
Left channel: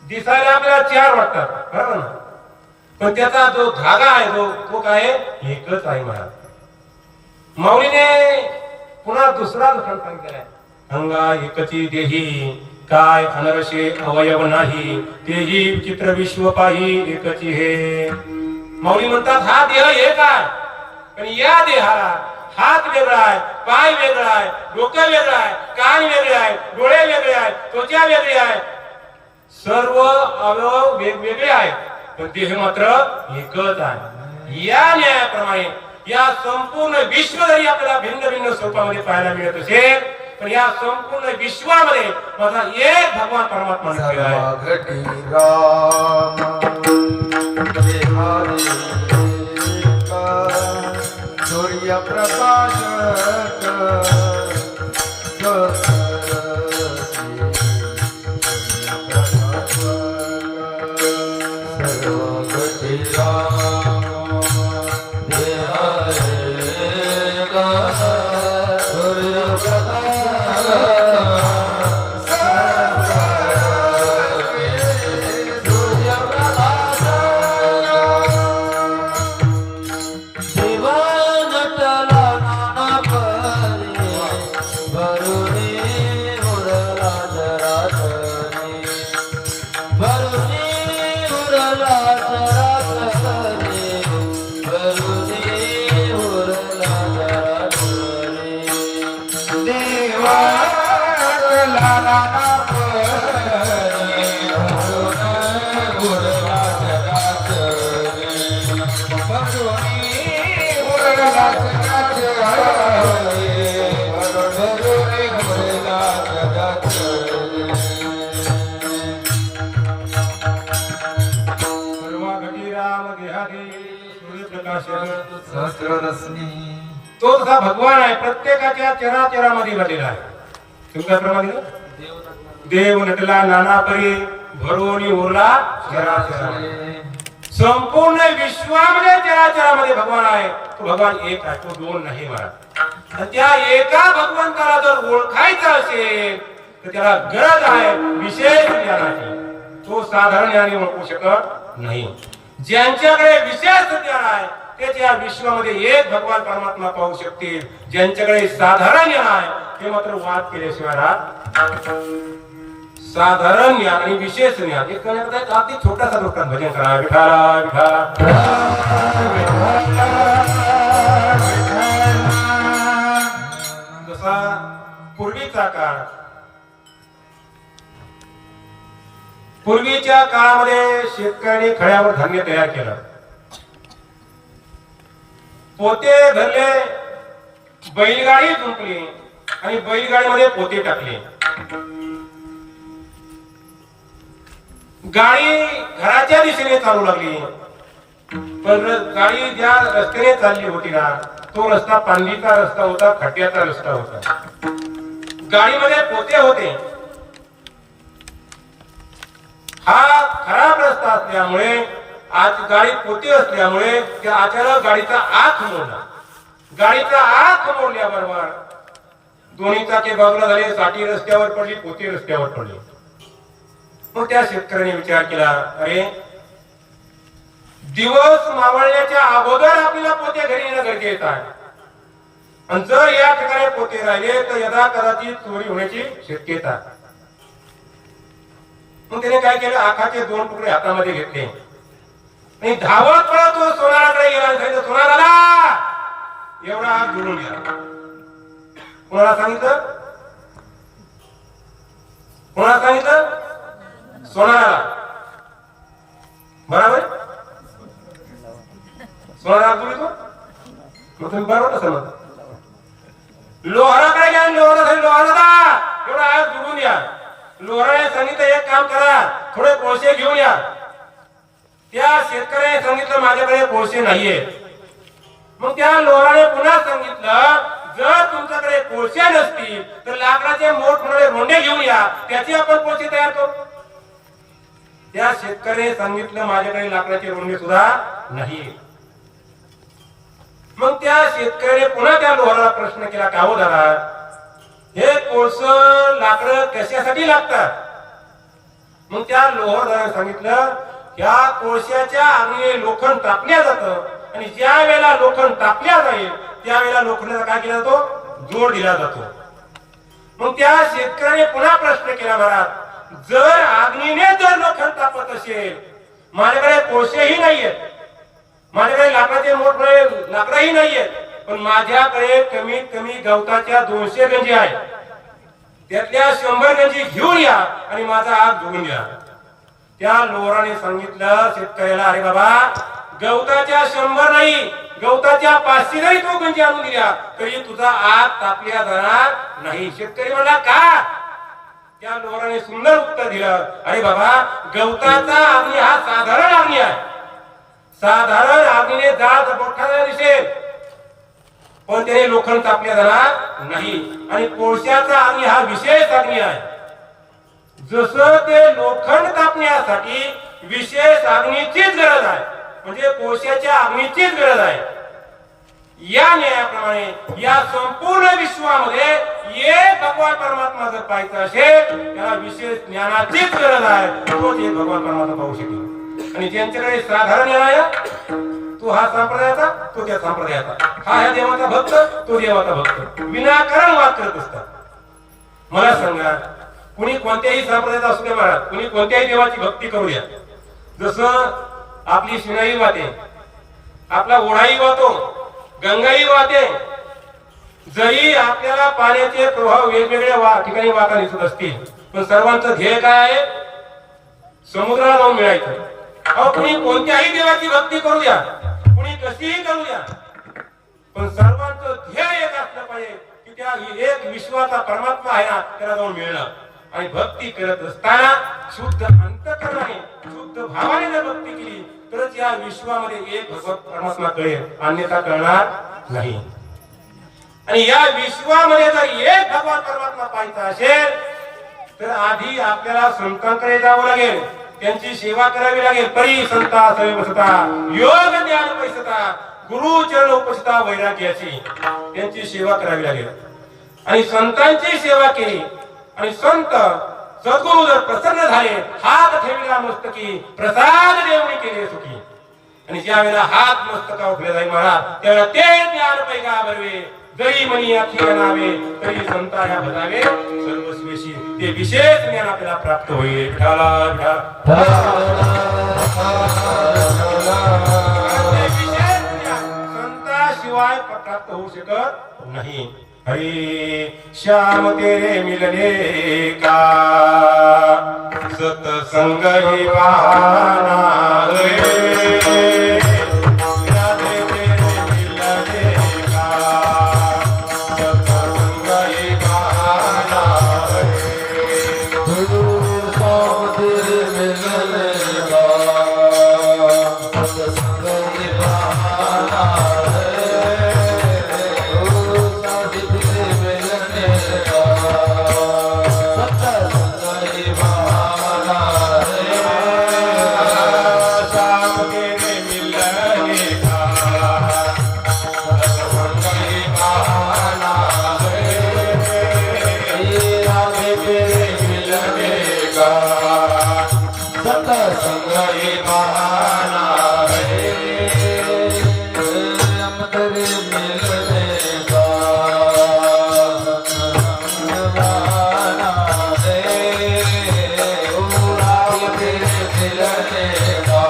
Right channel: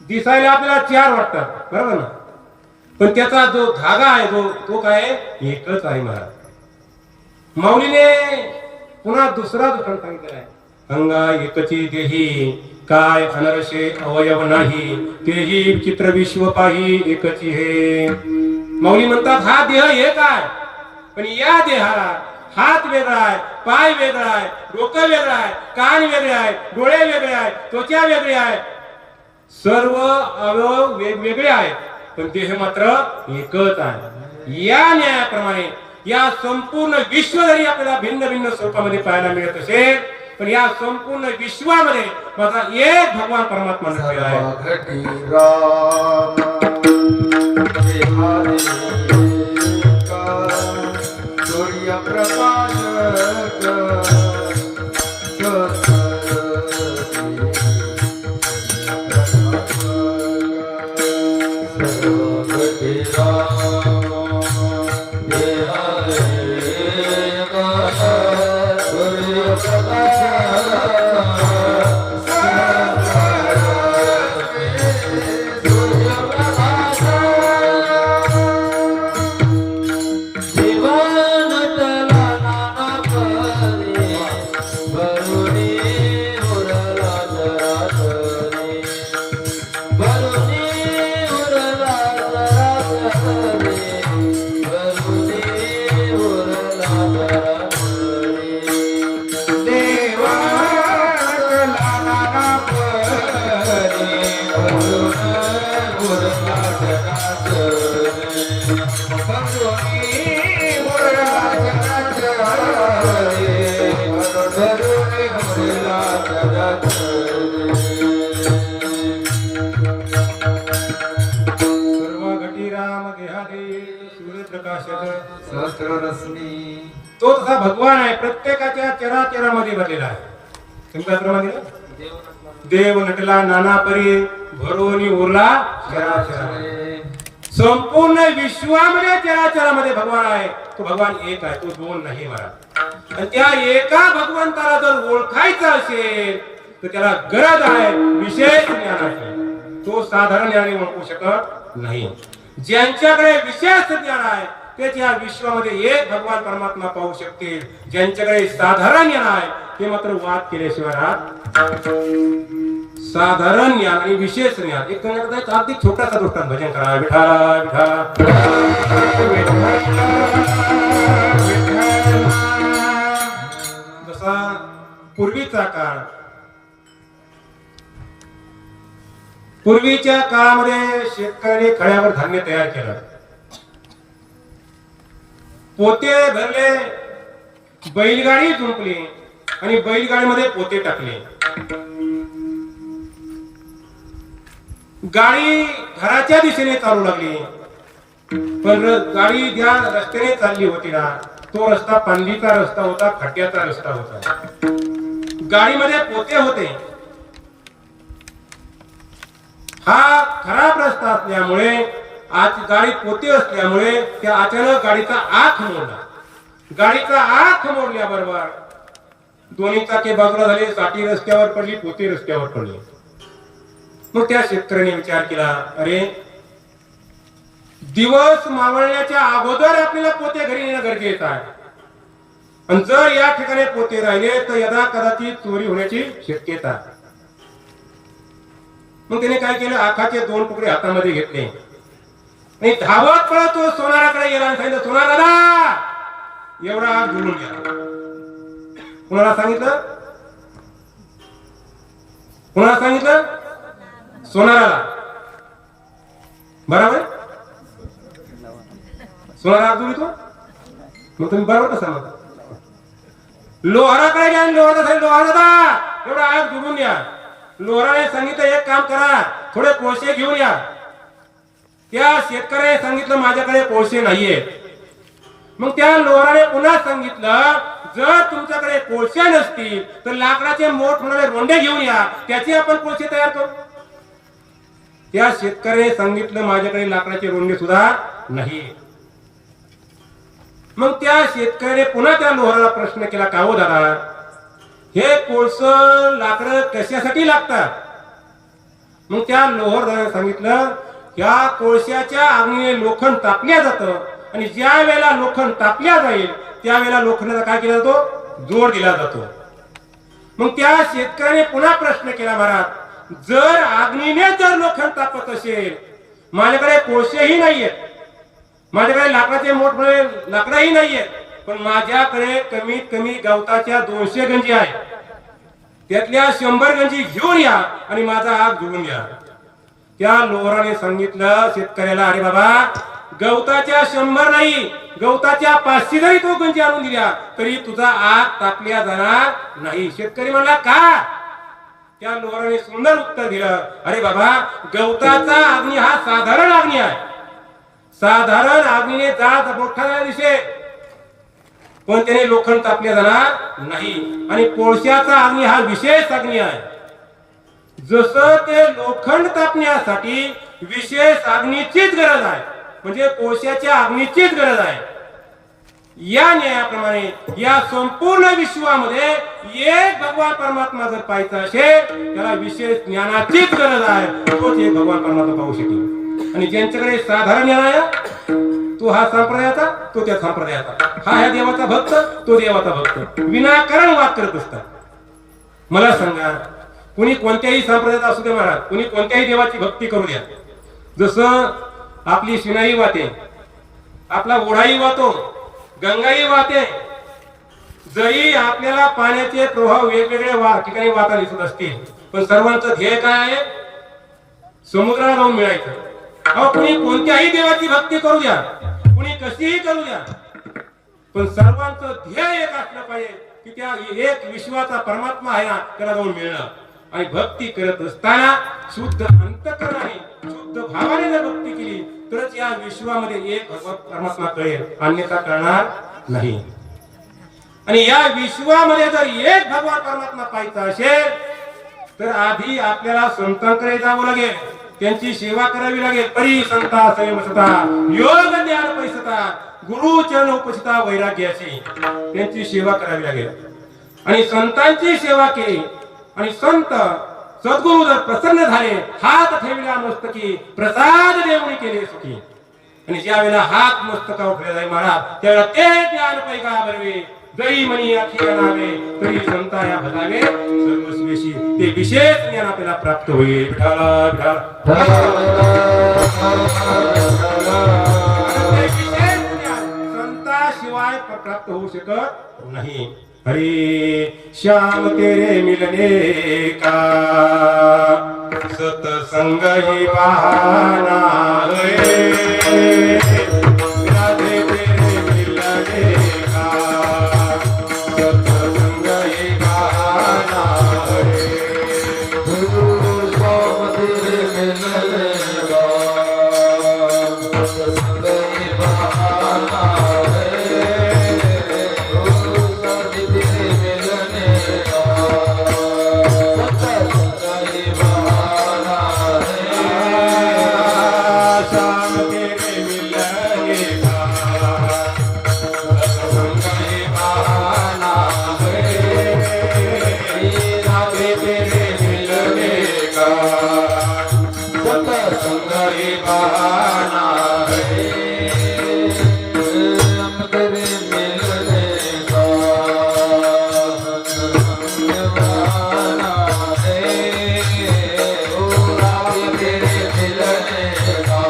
दिसायला आपल्याला चार वाटतात, बरोबर ना? पण त्याचा जो धागा आहे, तो काय आहे? एकच आहे महाराज. माऊलीने पुन्हा दुसरा दुसरा सांगितलाय, अंगा एकची देही काय अनरशे अवयव नाही, तेही चित्र विश्व पाही एकची हे. माऊली म्हणतात हा देह एक आहे, पण या देहाला हात वेगळा आहे, पाय वेगळा आहे, डोकं वेगळं आहे, कान वेगळे आहे, डोळे वेगळे आहे, त्वचा वेगळी आहे, सर्व अवयव वेगवेगळे आहेत, पण देह मात्र एकच आहे. या न्यायाप्रमाणे या संपूर्ण विश्व जरी आपल्याला भिन्न भिन्न स्वरूपामध्ये पाहायला मिळत असेल, पण या संपूर्ण विश्वामध्ये माझा एक भगवान परमात्मा नसलेला तो तसा भगवान आहे, प्रत्येकाच्या चराचरामध्ये भरलेला आहे. त्याप्रमाणे देव नटला नाना परी भरोनी उरला चराचरामध्ये. संपूर्ण विश्वामध्ये चराचरामध्ये भगवान आहे. तो भगवान एक आहे, तो दोन नाही मला. आणि त्या एका भगवंताला जर ओळखायचं असेल तर त्याला गरज आहे विशेष ज्ञानाची. तो साधारण ज्ञानाने ओळखू शकत नाही. ज्यांच्याकडे विशेष ज्ञान आहे तेच या विश्वामध्ये एक भगवान परमात्मा पाहू शकतील. ज्यांच्याकडे साधारण ज्ञान आहे ते मात्र वाद केल्याशिवाय राहत. साधारण ज्ञान आणि विशेष ज्ञान एक करण्याचा अगदी छोटासा दृष्टांत भजन करा. विठाला विठा जसा पूर्वीच्या काळामध्ये शेतकऱ्यांनी खड्यावर धान्य तयार केलं, पोते धरले, बैलगाडी झुंपली आणि बैलगाडीमध्ये पोते टाकले. गाडी घराच्या दिशेने चालू लागली, पण गाडी ज्या रस्त्याने चालली होती ना तो रस्ता पांडीचा रस्ता होता, खड्ड्याचा रस्ता होता. गाडीमध्ये पोते होते. हा खराब रस्ता असल्यामुळे आज गाडीत पोते असल्यामुळे त्या अचानक गाडीचा आख मोडला. गाडीचा आख मोडल्याबरोबर दोन्ही चाके बाजूला झाले, साठी रस्त्यावर पडली, पोते रस्त्यावर पडली. मग त्या शेतकऱ्याने विचार केला, अरे दिवस मावळण्याच्या अगोदर आपल्याला पोते घरी येणं गरजेचं आहे. आणि जर या ठिकाणी पोते राहिले तर यदा कदाचित चोरी होण्याची शक्यता. मग त्याने काय केलं, आखाचे 2 तुकडे हातामध्ये घेतले आणि धावत पळत तो सोनाराकडे गेला आणि सांगितलं, सोनाराला एवढा हात जोडून घ्या. कोणाला सांगितलं? कोणाला सांगितलं? सोनाराला. बरोबर? सोनारा हात जोडितो मग तुम्ही बरोबर असाल. लोहाराकडे घ्या. लोहारा एवढा हात जोडून या. लोहाराने सांगितलं एक काम करा, थोडे कोळसे घेऊन या. त्या शेतकऱ्याने सांगितलं माझ्याकडे कोळसे नाहीये. मग त्या लोहाराने पुन्हा सांगितलं जर तुमच्याकडे कोळसे नसतील तर लाकडाचे मोठमोठे रोंडे घेऊन या, त्याची आपण कोळसे तयार करू. त्या शेतकऱ्याने सांगितलं माझ्याकडे लाकडाचे रोंडे सुद्धा नाही. मग त्या शेतकऱ्याने पुन्हा त्या लोहाराला प्रश्न केला, का हो दादा, हे कोळस लाकडं कशासाठी लागतात? मग त्या लोहाराने सांगितलं या कोळशाच्या अग्नीने लोखंड तापल्या जातं आणि ज्या वेळेला लोखंड तापल्या जाईल त्यावेळेला लोखंडाचा काय केला जातो? जोड दिला जातो. मग त्या शेतकऱ्याने पुन्हा प्रश्न केला, महाराज जर अग्नीने जर लोखंड तापत असेल, माझ्याकडे कोळसेही नाहीयेत, माझ्याकडे लाकडाचे मोठमोठे लाकडंही नाहीयेत, पण माझ्याकडे कमीत कमी गवताच्या 200 गंजी आहे, त्यातल्या 100 गंजी घेऊन या आणि माझा हात जोडून या. त्या लोहाराने सांगितलं शेतकऱ्याला, अरे बाबा गवताच्या 100 नाही, गवताच्या 500 जरी तू गंजी आणून दिल्या तरी तुझा आग तापल्या जाणार नाही. शेतकरी म्हणला का? त्या लोहाराने सुंदर उत्तर दिलं, अरे बाबा गवताचा अग्नी हा साधारण अग्नी आहे, साधारण अग्नीने जाळ मोठा दिसेल पण त्याने लोखंड तापले जाणार नाही. आणि कोळशाचा अग्नी हा विशेष अग्नी आहे. जसं ते लोखंड तापण्यासाठी विशेष अग्नीचीच गरज आहे, म्हणजे कोळशाच्या अग्नीचीच गरज आहे, या न्यायाप्रमाणे या संपूर्ण विश्वामध्ये एक भगवान परमात्मा जर पाहायचा असेल त्याला विशेष ज्ञानाचीच गरज आहे, तोच एक भगवान परमात्मा पाहू शकेल. आणि ज्यांच्याकडे साधारण ज्ञान आहे, तो हा संप्रदायाचा, तो त्या संप्रदायाचा, हा ह्या देवाचा भक्त, तो देवाचा भक्त, विनाकारण वाद करत असतात. मला सांगा, कुणी कोणत्याही संप्रदायाचा असू दे महाराज, कुणी कोणत्याही देवाची भक्ती करू द्या, जसं आपली शिनाई वाहते, आपला ओढाही वाहतो, गंगाही वाहते, जरी आपल्याला पाण्याचे प्रभाव वेगवेगळ्या ठिकाणी वाहताना दिसत असतील, पण सर्वांचं ध्येय काय आहे? समुद्राला जाऊन मिळायचं. कुणी कोणत्याही देवाची भक्ती करू द्या, कुणी कशीही करू द्या, पण सर्वांचं ध्येय एक असलं पाहिजे की त्या एक विश्वाचा परमात्मा आहे ना त्याला जाऊन मिळणं. आणि भक्ती करत असताना शुद्ध अंतःकरणाने शुद्ध भावाने जर भक्ती केली तरच या विश्वामध्ये एक भगवत परमात्मा कळेल, अन्यथा कळणार नाही. आणि या विश्वामध्ये जर एक भगवान परमात्मा पाहायचा असेल तर आधी आपल्याला संतांकडे जावं लागेल, त्यांची सेवा करावी लागेल. परी संता सेवसता योग ज्ञान पैसता गुरु चरण उपस्थिता वैराग्याची त्यांची सेवा करावी लागेल. आणि संतांची सेवा केली आणि संत सद्गुरु जर प्रसन्न झाले, हात ठेविला मस्तकी प्रसाद देवणी केले सुखी. आणि ज्या वेळेला हात मस्तका उठले जाईल महाराज, त्यावेळेला ते ज्ञान पैका बरवे, जरी मनी अखिया नावे तरी संताया भजावे सर्वस्वेशी. ते विशेष ज्ञान आपल्याला प्राप्त होईल. संताशिवाय प्राप्त होऊ शकत नाही. हरी श्याम तेरे मिलने का सतसंग ही बहाना है, राधे तेरे मिलने का सतसंग ही बहाना है. गुरु श्याम तेरे मिलने का सत्संग ही बहाना है, गुरु श्याम तेरे मिलने का सत्संग ही बहाना है. श्याम तेरे मिलने का सतसंग ही बहाना है, राधे तेरे मिलने का सत्संग ही बहाना है, हम तेरे मिलने का सत्संग बहाना है, ओ राधे तेरे मिलने का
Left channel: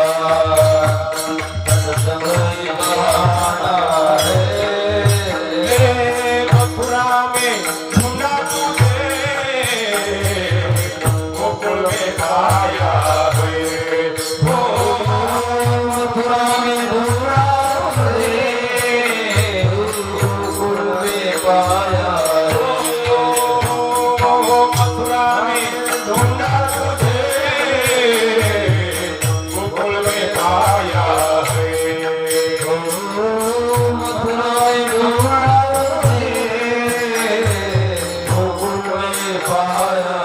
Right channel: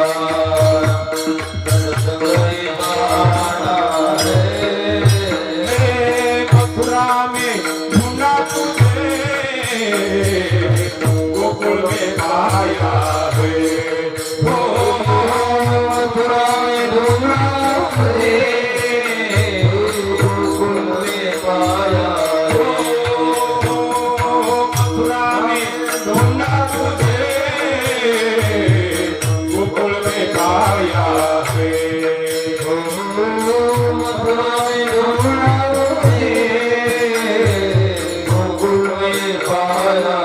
सत्संग ही बहाना है. मथुराई अमरावती गोकुल में पाया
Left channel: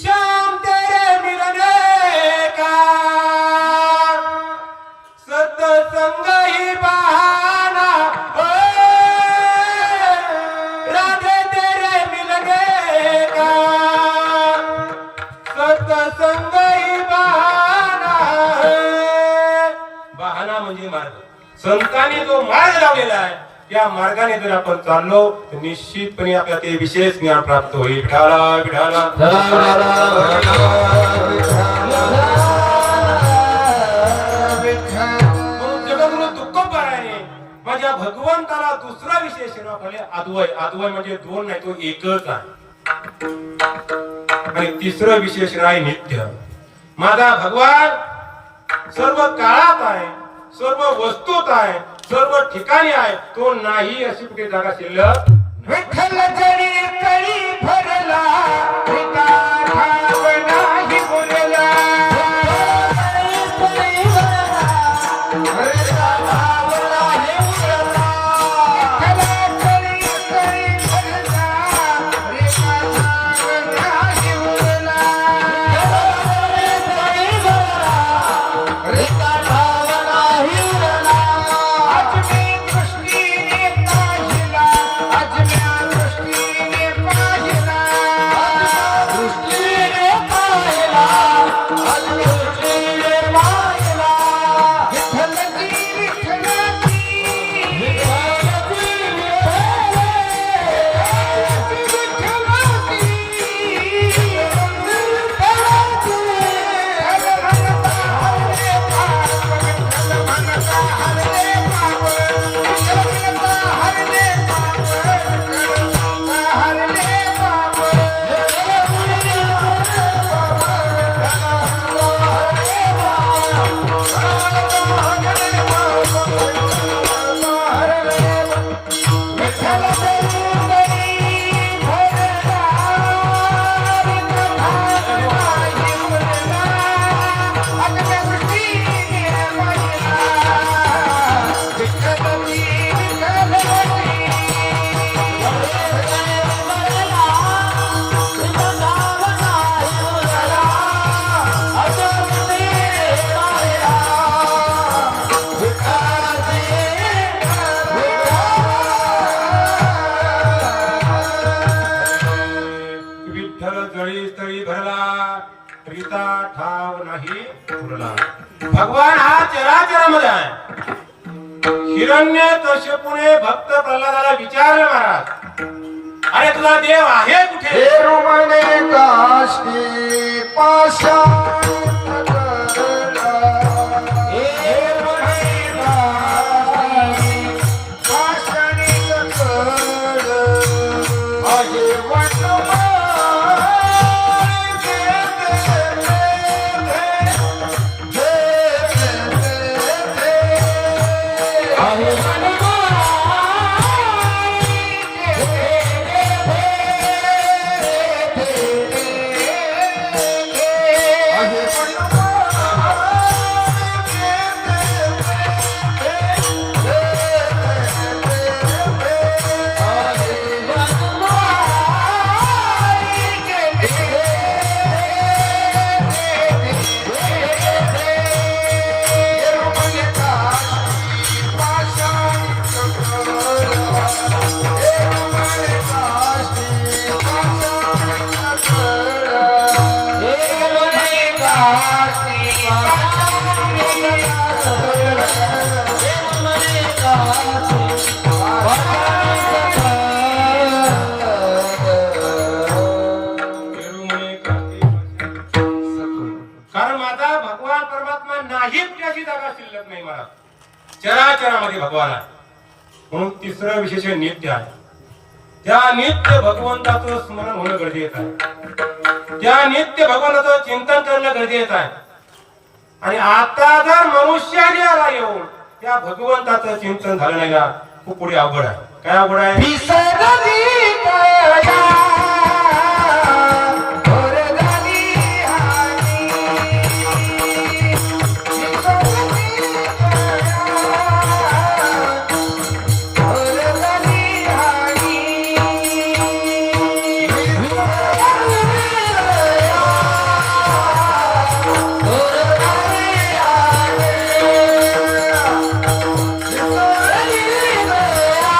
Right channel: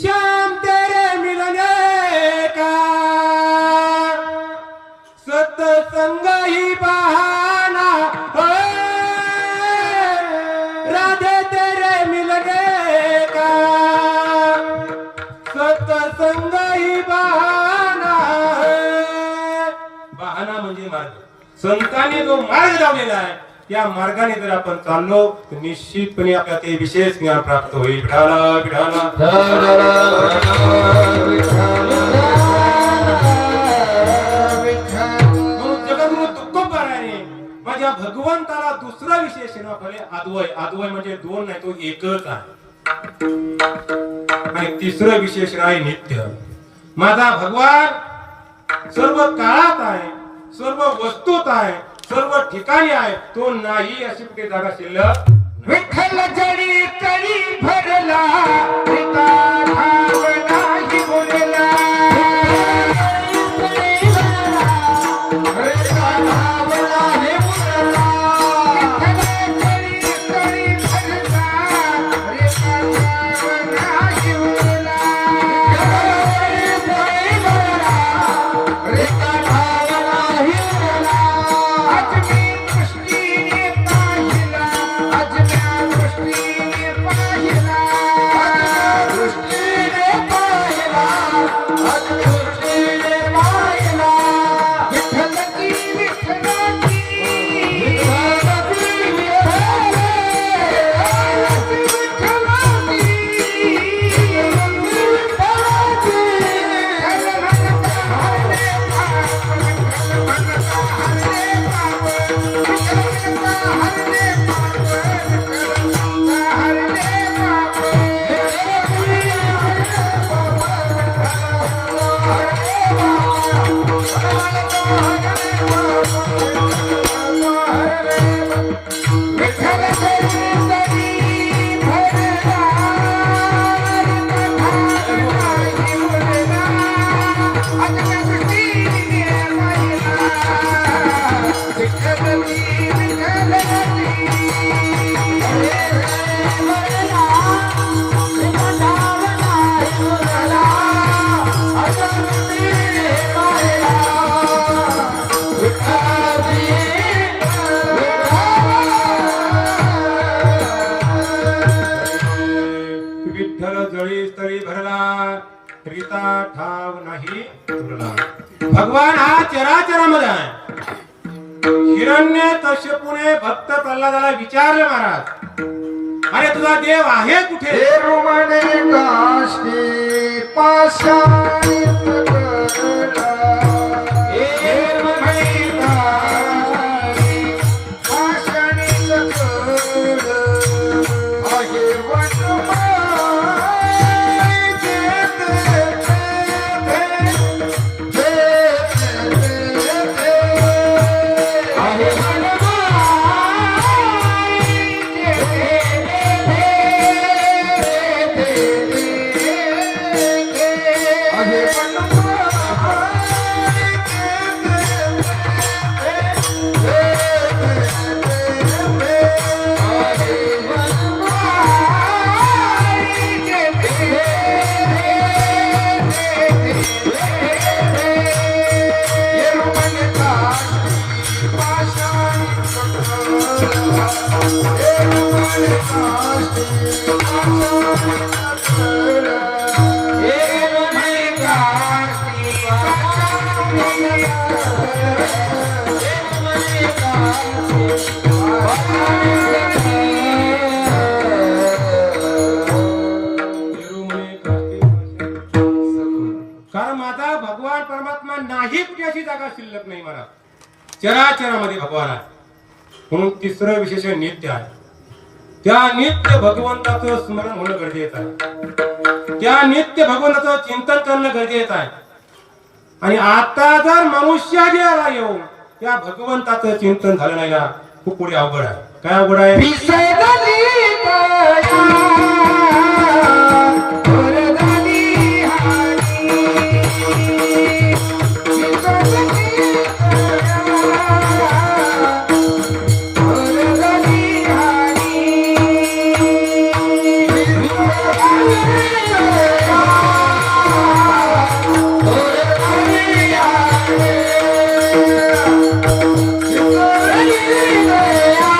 श्याम तेरे मिलने का सत्संग ही बहाना हो, राधे तेरे मिलने का सत्संग ही बहाना है. बहाना म्हणजे मार्ग. संतांनी जो मार्ग लावलेला आहे त्या मार्गाने जर आपण चाललो तर निश्चितपणे आपल्याला ते विशेष ज्ञान प्राप्त होईल. विठाला विठाला म्हणून जगद्गुरु तुकोबारायाने माझ्या भगवंताला दुसरा विशेष नाव अद्वय. अद्वय म्हणजे दोन नाही, तो एकच आहे. आणि तिसरं विशेष आहे नित्य. माझा भगवान सर्व काळात आहे, सर्व वस्तूत आहे, सर्व ठिकाणी आहे. तो नाही अशी कुठे जागा शिल्लक. विठ्ठल जरी तरी भरला पिता भाव नाही मुरला हरला भाव नाही मुरला विठ्ठल जरी तरी भरला पिता भाव नाही मुरला पिता भाव नाही मुरला आज मी दृष्टीने पाहिला आज दृष्टीने पाहिला दृष्टीने पाहिला आज दृष्टीने पाहिला विठ्ठलची विठ्ठलाची विठ्ठल जळी तळी भरला करिता ठाव नाही उरला. भगवान हा चराचरामध्ये आहे. हिरण्य कश्यपूने भक्त प्रल्हादाला विचारलं महाराज, अरे तुझा देव आहे कुठे? रोमने काष्टी पाषाणित करला. हे म्हणे काष्टी पाषाणित करला. आहे वनमाळा दे दे दे दे दे. आहे साहित्याची जागा शिल्लक नाही मला. चराचरामध्ये भगवान आहे. म्हणून तिसरं विशेष नित्य आहे. त्या नित्य भगवंताचं स्मरण होणं गरजेचं आहे. त्या नित्य भगवंताचं चिंतन करणं गरजेचं आहे. आणि आता जर मनुष्याला येऊन त्या भगवंताचं चिंतन झालं नाही ना, खूप पुढे अवघड आहे. काय अवघड आहे? विसरली माया, वरदानी हारी. विसरली माया, वरदानी हारी. विसरली माया,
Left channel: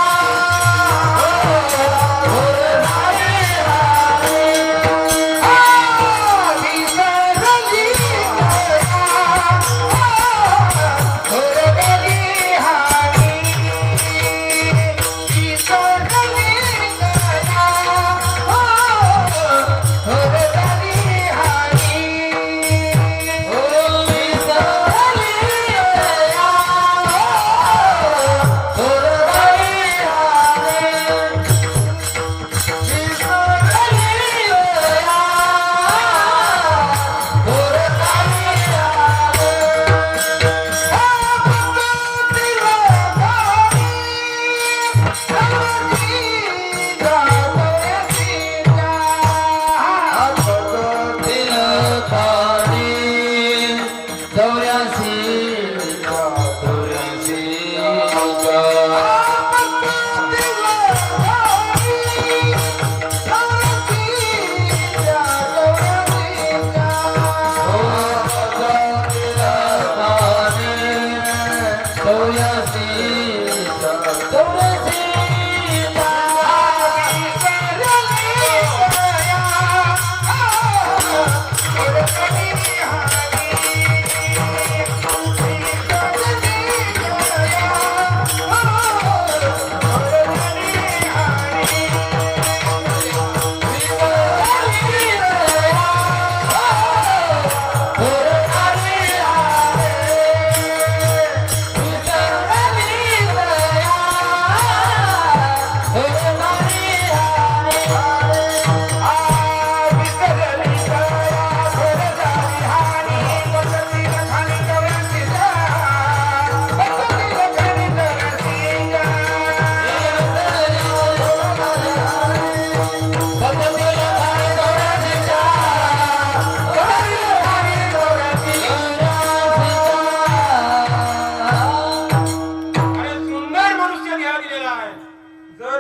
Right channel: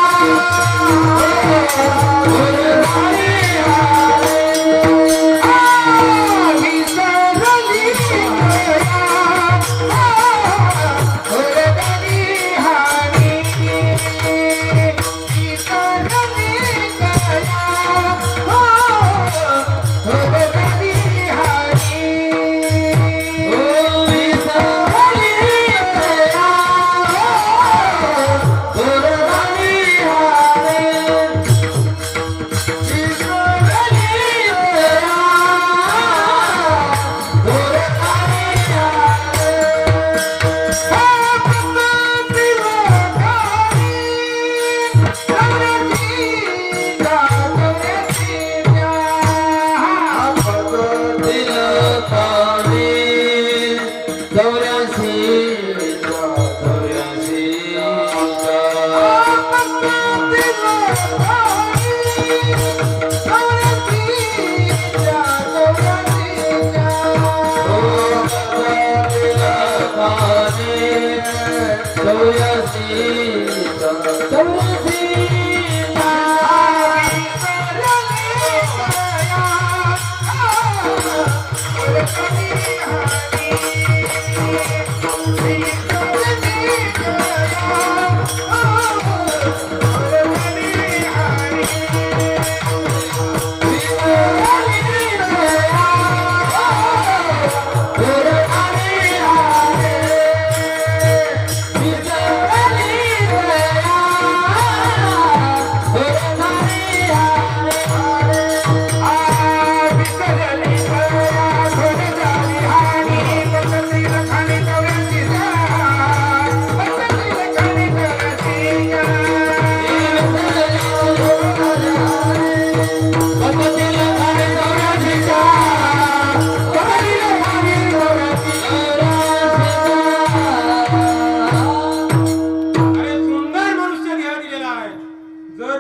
वरदानी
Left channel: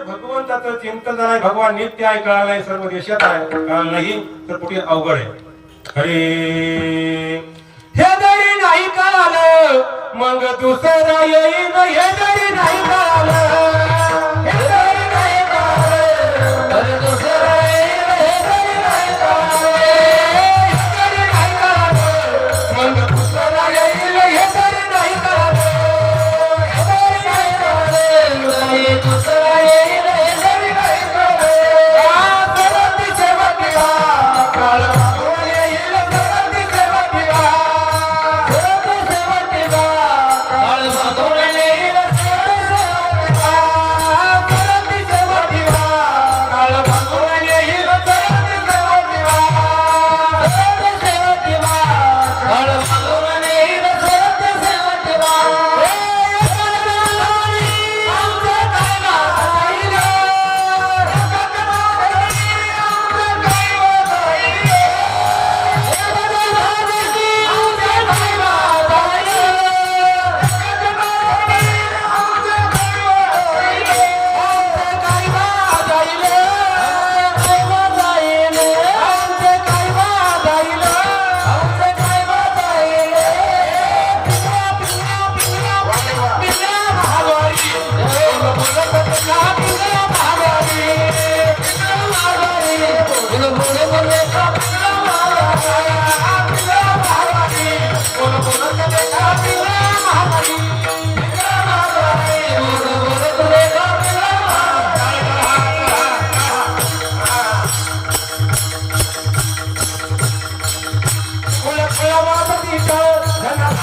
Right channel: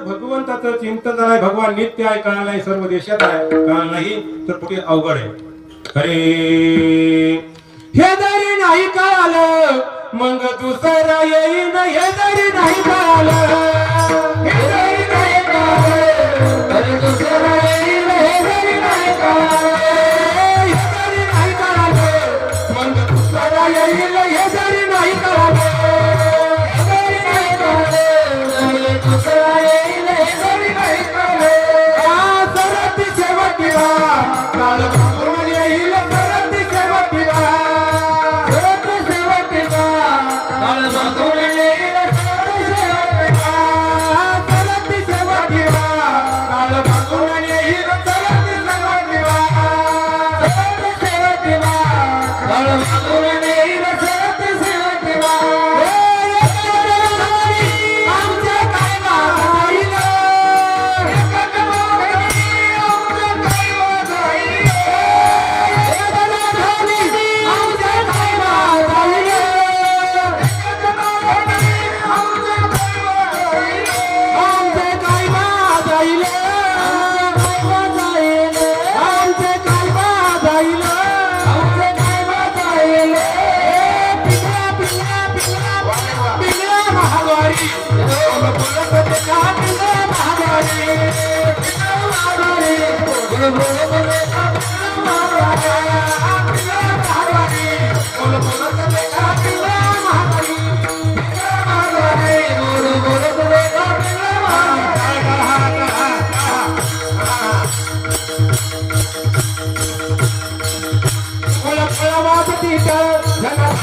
भगवंताचं चिंतन नाही, भगवान नित्य आहे कळालं नाही, सर्व देशात आहे कळालं नाही, तर पुढे अवघड आहे. अरे हे जरी नाही कळालं मग दुसरा येईन, हे जरी नाही कळालं, हे जरी नाही कळालं मग दुसरा येईन, हे जरी नाही कळालं, हे जरी नाही कळालं मग दुसरा येईन, हे जरी नाही कळालं, हे जरी नाही कळालं दुसरा येईन.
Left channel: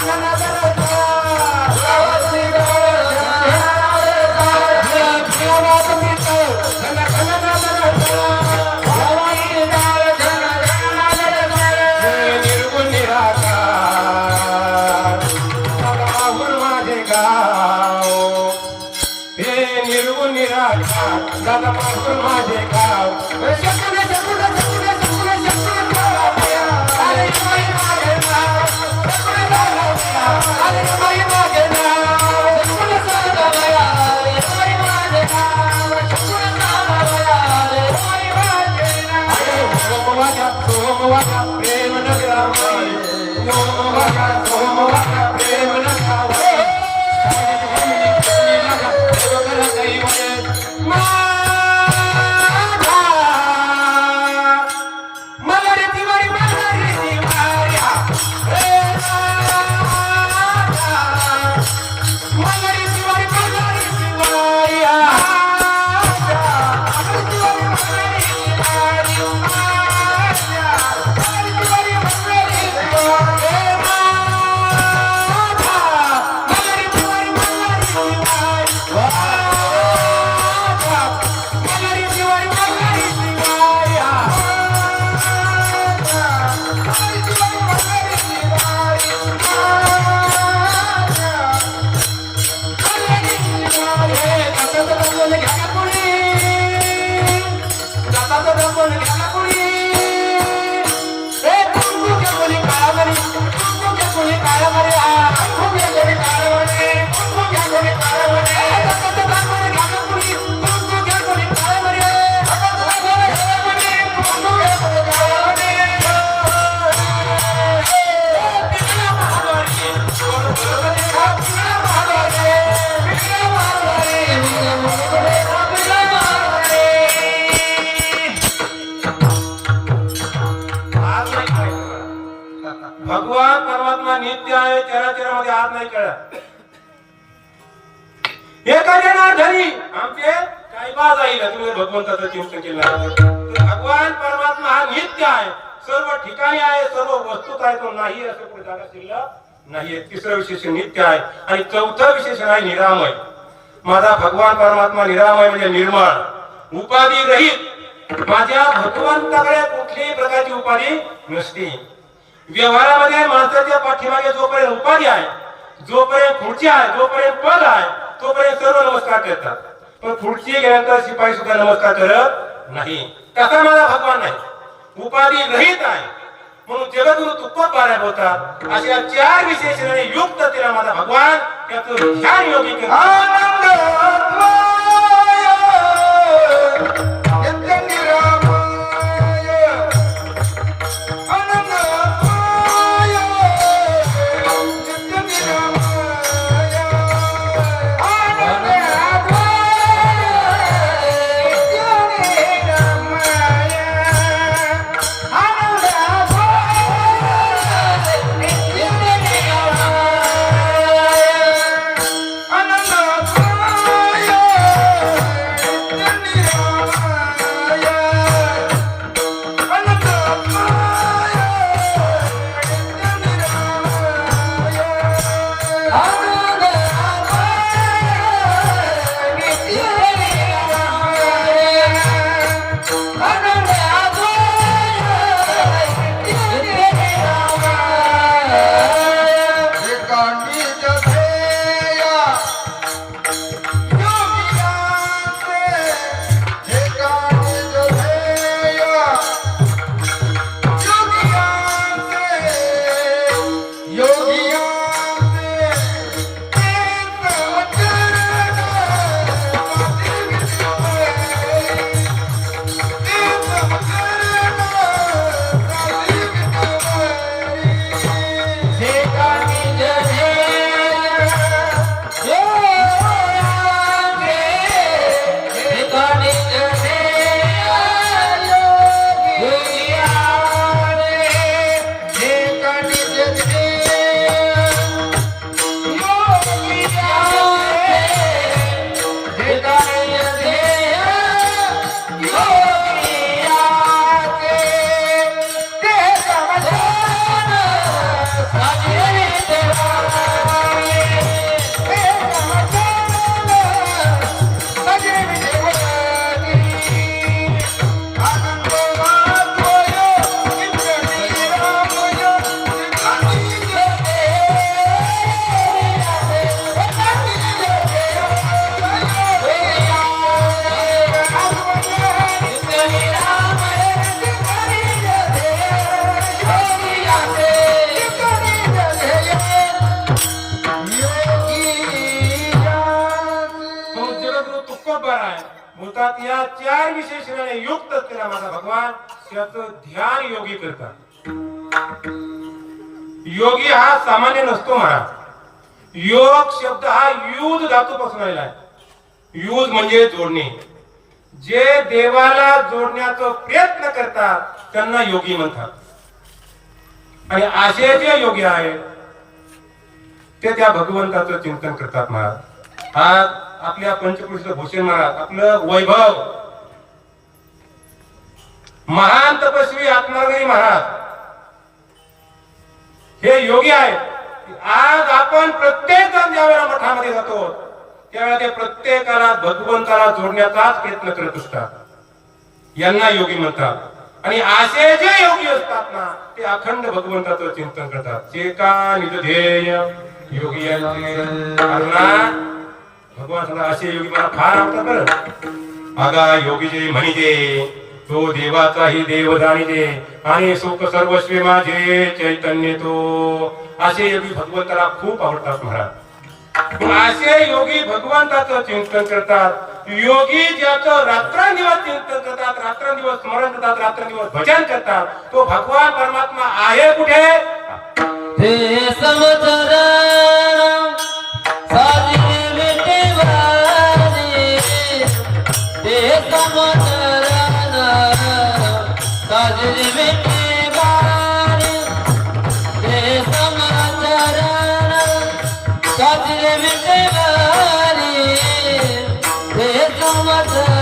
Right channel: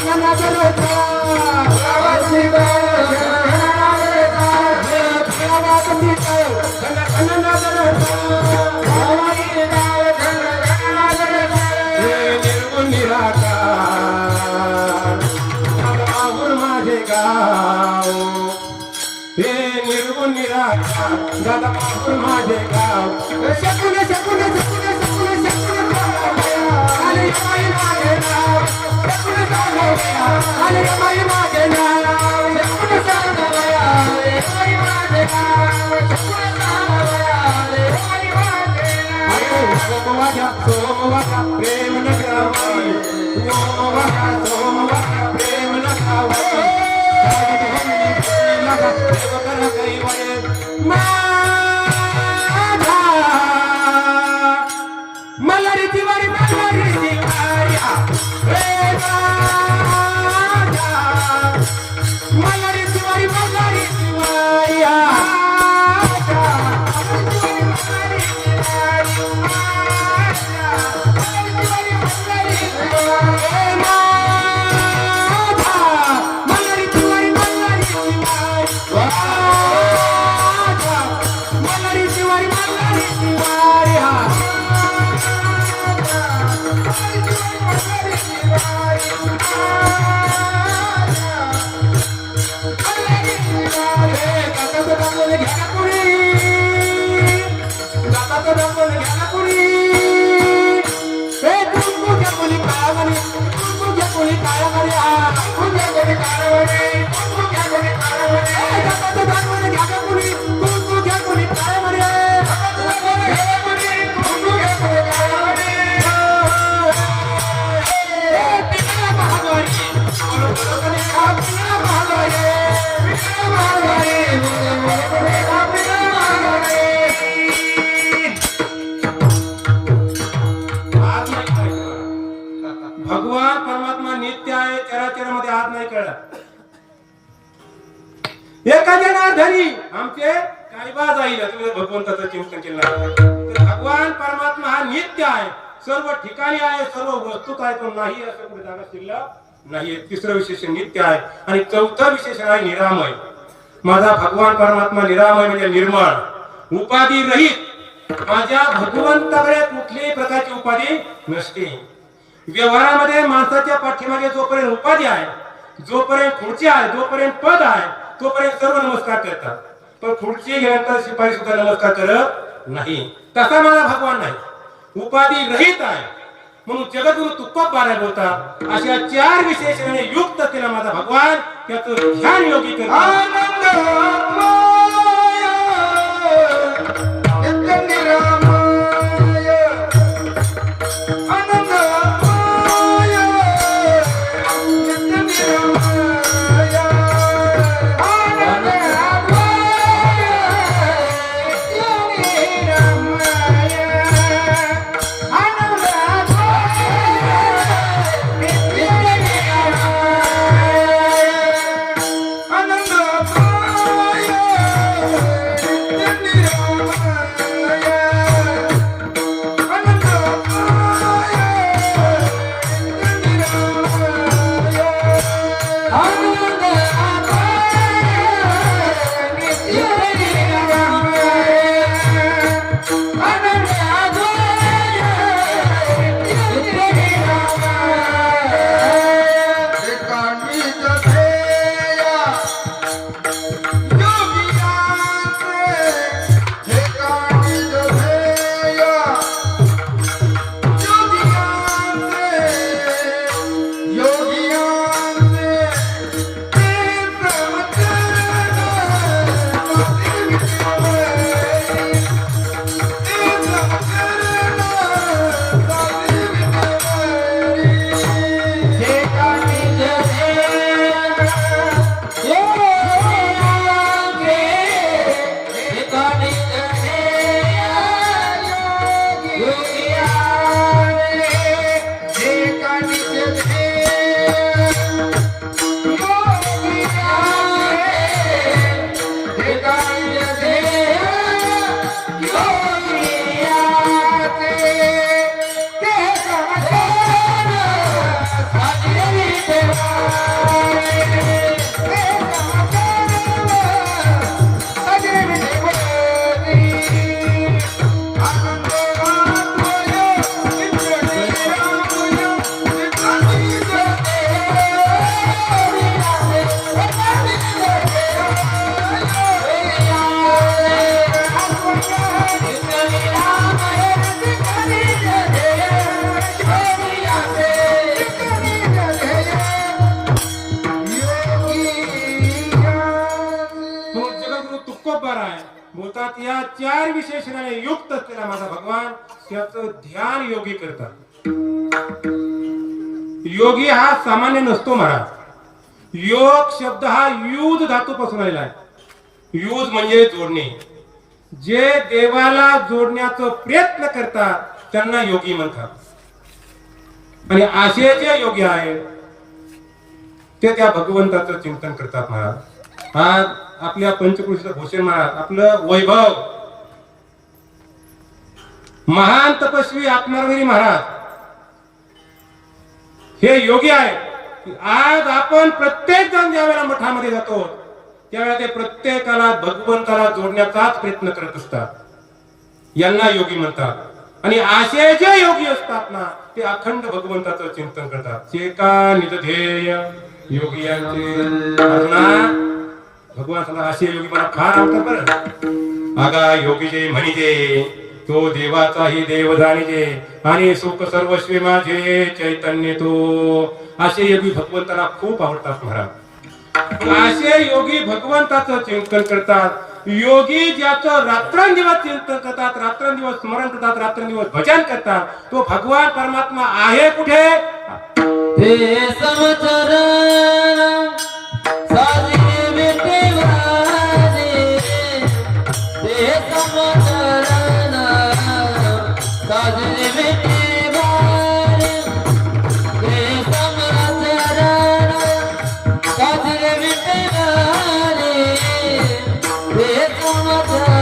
When I सोमवारा प्रेम नगरावय सोमवारा प्रेम नगरावय मलरी तिवारी भगवान परमात्मा नित्य आहे चराचरामध्ये हात नाही कळत एखाद्या धरी आमचे काय बाज आहे तुम्ही भगवंताचं चिंतन केलं भगवान परमात्मा हा नित्य आहे सर्व ठिकाणी आहे सर्व वस्तूत आहे तो नाही असं कुठे जागा शिल्लक नाहीये तिसरं विशेषण नित्य आहे आणि चौथं विशेषण आहे निरामय माझा भगवान परमात्मा निरामय म्हणजे निर्मळ उपाधी रहित माझ्या भगवंताकडे कुठल्याही प्रकारची उपाधी नसते व्यवहारामध्ये माणसाच्या पाठीमागे जोपर्यंत उपाधी आहे जोपर्यंत खुर्ची आहे जोपर्यंत पद आहे तोपर्यंत सर्व नमस्कार करतात पण खुर्ची गेल्यानंतर शिपाई सुद्धा नमस्कार करत नाही तसा माझा भगवान नाही उपाधी रहित आहे म्हणून जगद्गुरु तुकोबाराय बोलतात अशा चार विशेषणाने युक्त केला माझा भगवान त्याचं ध्यान योगी करतात Hallelujah. बोलतात या चार विशेषणाने युक्त असलेला माझा भगवान त्याचं ध्यान योगी करतात. योगी हा सामान्य नसतो महाराज. योग शब्द हा युध धातूपासून आलेला आहे. युध म्हणजे जोडणे. जे देवाला जोडण्याचा प्रयत्न करतात त्यांना योगी म्हणतात. आणि असे जे योगी आहेत ते त्या भगवंताचं चिंतन करतात महाराज. आज आपल्या पंचकृषीचं भूषण महाराज, आपलं वैभव, महान तपस्वी आत्मागिरी महाराज हे योगी आहेत. आज आपण प्रत्येक जण ज्यावेळेला मठामध्ये जातो त्यावेळेला ते प्रत्येकाला भगवंताला जोडण्याचाच प्रयत्न करत असतात. यांना योगी म्हणतात. आणि असे जे योगी असतात ना ते अखंड भगवंताचं चिंतन करतात. चेका निज ध्येय योगी यांचे. भगवान सांगतात असे योगी मला फार आवडतात बरं. आगा योगी जे म्हणिजे तो देवाचाही देव जाणिजे आणि सुख सर्वस्वी माझे चैतन्य तो. असे योगी भगवंताला खूप आवडतात महाराज. असे योगी भगवंताचं चिंतन करतात. योगी ज्याचं रात्रंदिवस चिंतन करतात, रात्रंदिवस स्मरण करतात, रात्रंदिवस भजन करतात तो भगवान परमात्मा आहे कुठे? हे समचरण साधी विटेवारी. हे समचरण साधी विटेवारी. हे समचरण साधी विटेवारी. हे समचरण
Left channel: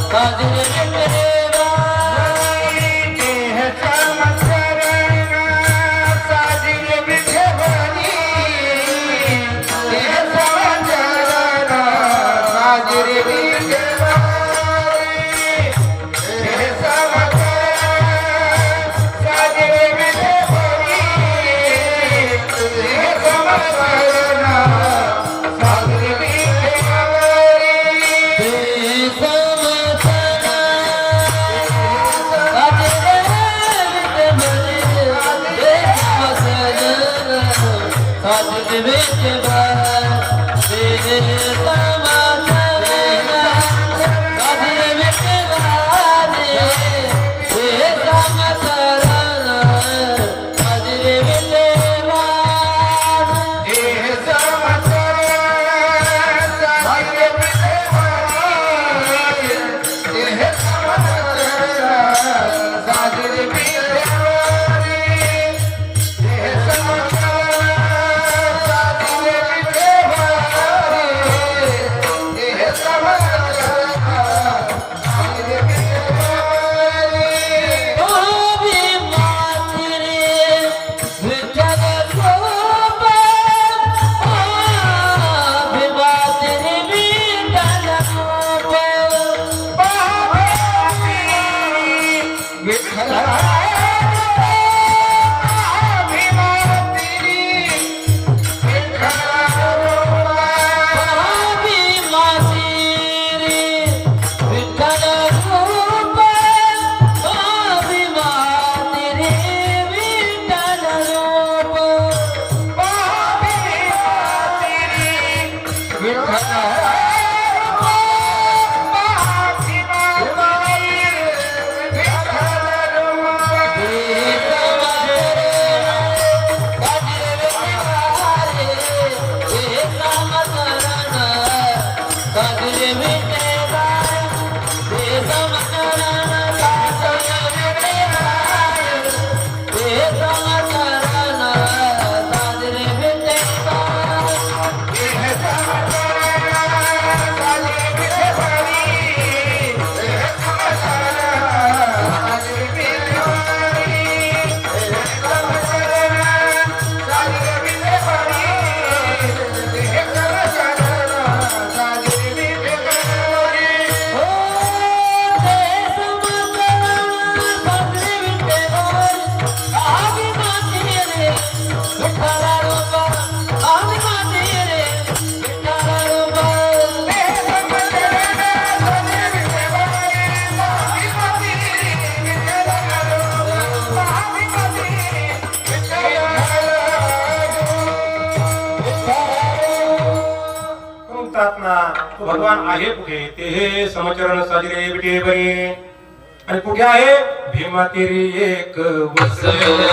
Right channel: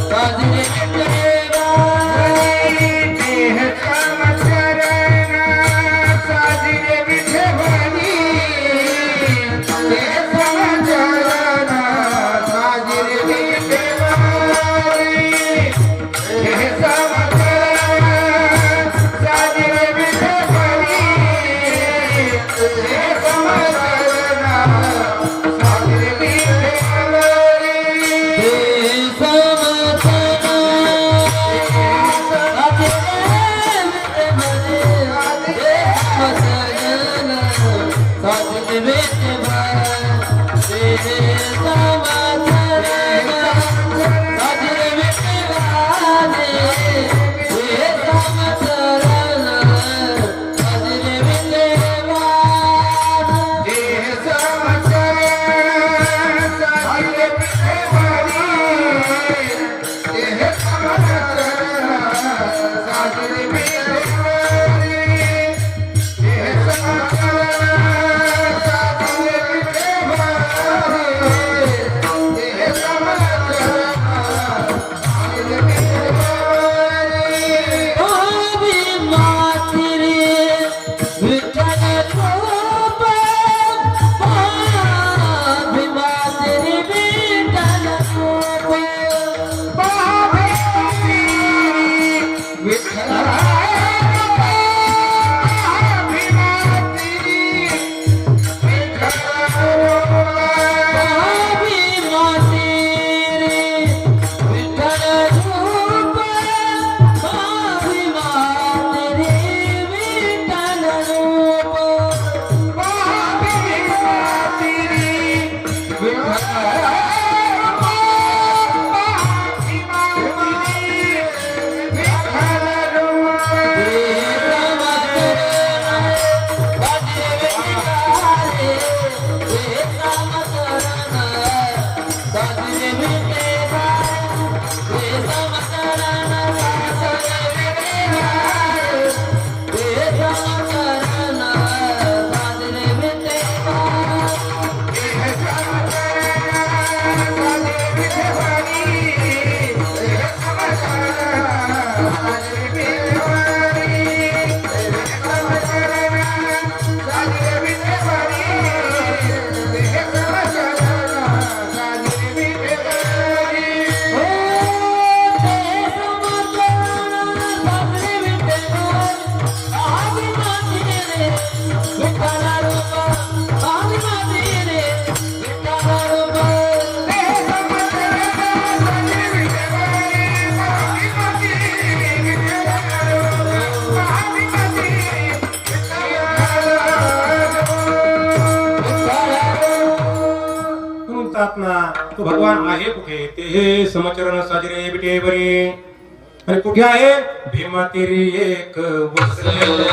साधी विटेवारी. देह समचरण साजिरे विठेवरी. देह समचरण साजिरे विठेवरी. देह समचरण साजिरे विठेवरी. देह समचरण साजिरे विठेवरी. परमात्मा तो भगवान आहे कुठे ते हे समचरण साजरे विटे बरी आणि कुठे आहे भीमा तेरी एक वसलेले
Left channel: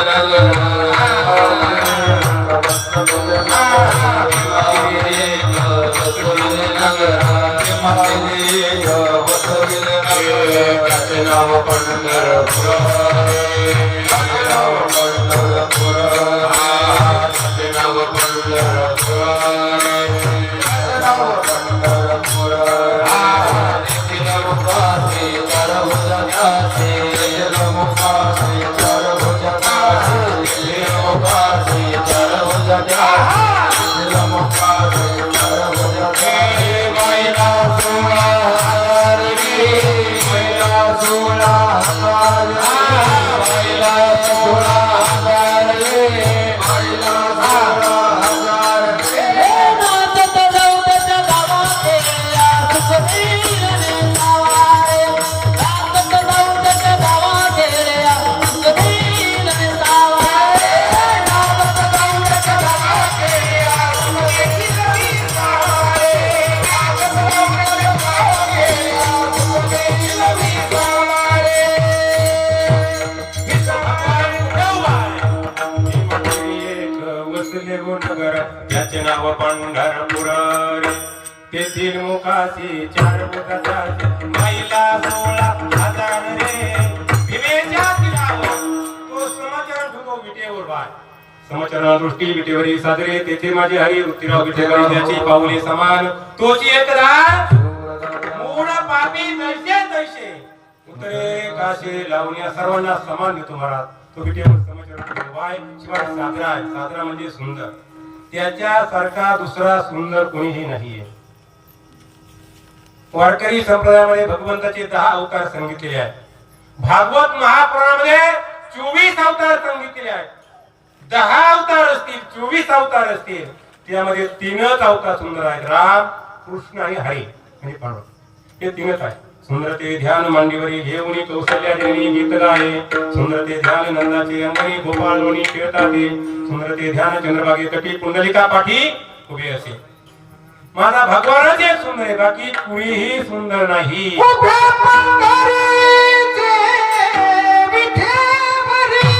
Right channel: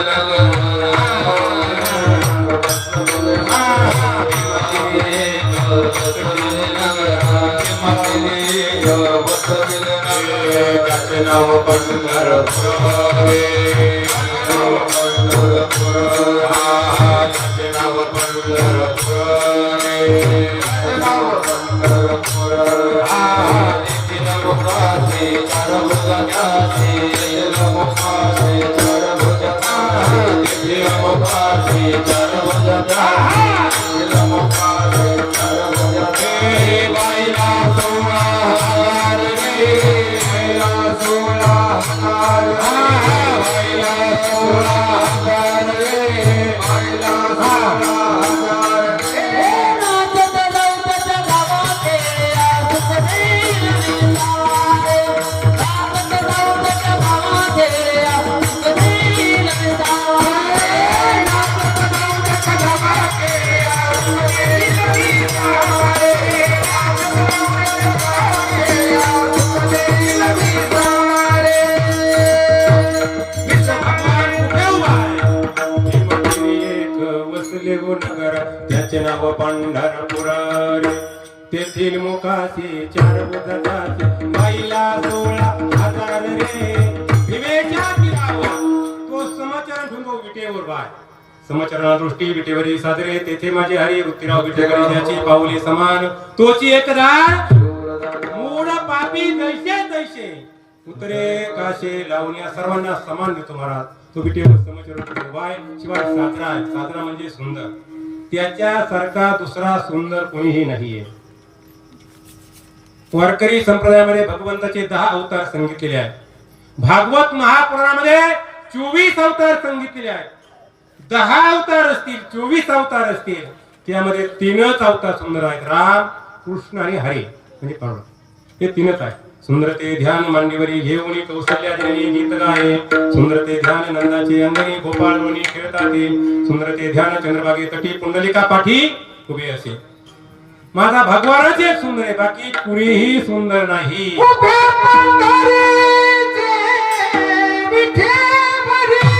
तेथील मुखाशी चार मुखाची माईला 16,000 रे भीमेच्या तिरावर तो समाचार ठेवतो विटेवर बाय समाचार दृष्टी विटेवरी सादरे तेथे माझे हरी वृत्तीराव विटेकरी त्याची पाऊले समान तोची एकदा मूळ पापी तैसे उतरे काशे लावण्या सर्वांना समान देतो महाराज तो विटेवर समाचार ठेवतो बाय शिवाय सादरा म्हणजे सुंदर त्याच्यासारखा दुसरा सुंदर कोणीही नाहीये वारकरी संप्रदायामध्ये भगवंताचे 10 अवतार सांगितलेले आहेत भागवत महापुराणामध्ये 24 अवतार सांगितलेले आहेत 10 अवतार असतील 24 अवतार असतील त्यामध्ये 3च अवतार सुंदर आहेत राम कृष्ण आणि हरी म्हणजे पांडव हे 3च आहेत सुंदर ते ध्यान मांडीवरी घेऊन कौशल्या जननी गीत गाये सुंदर ते ध्यान नंदाची अंगणी गोपाळ लोणी खेळताती सुंदर ते ध्यान चंद्रभागे तटी पुंडलिका पाठी उभे असे माझा भगवानच एक सुंदर आहे बाकी कुणीही सुंदर नाही उभे पंढरीचे विठेवरी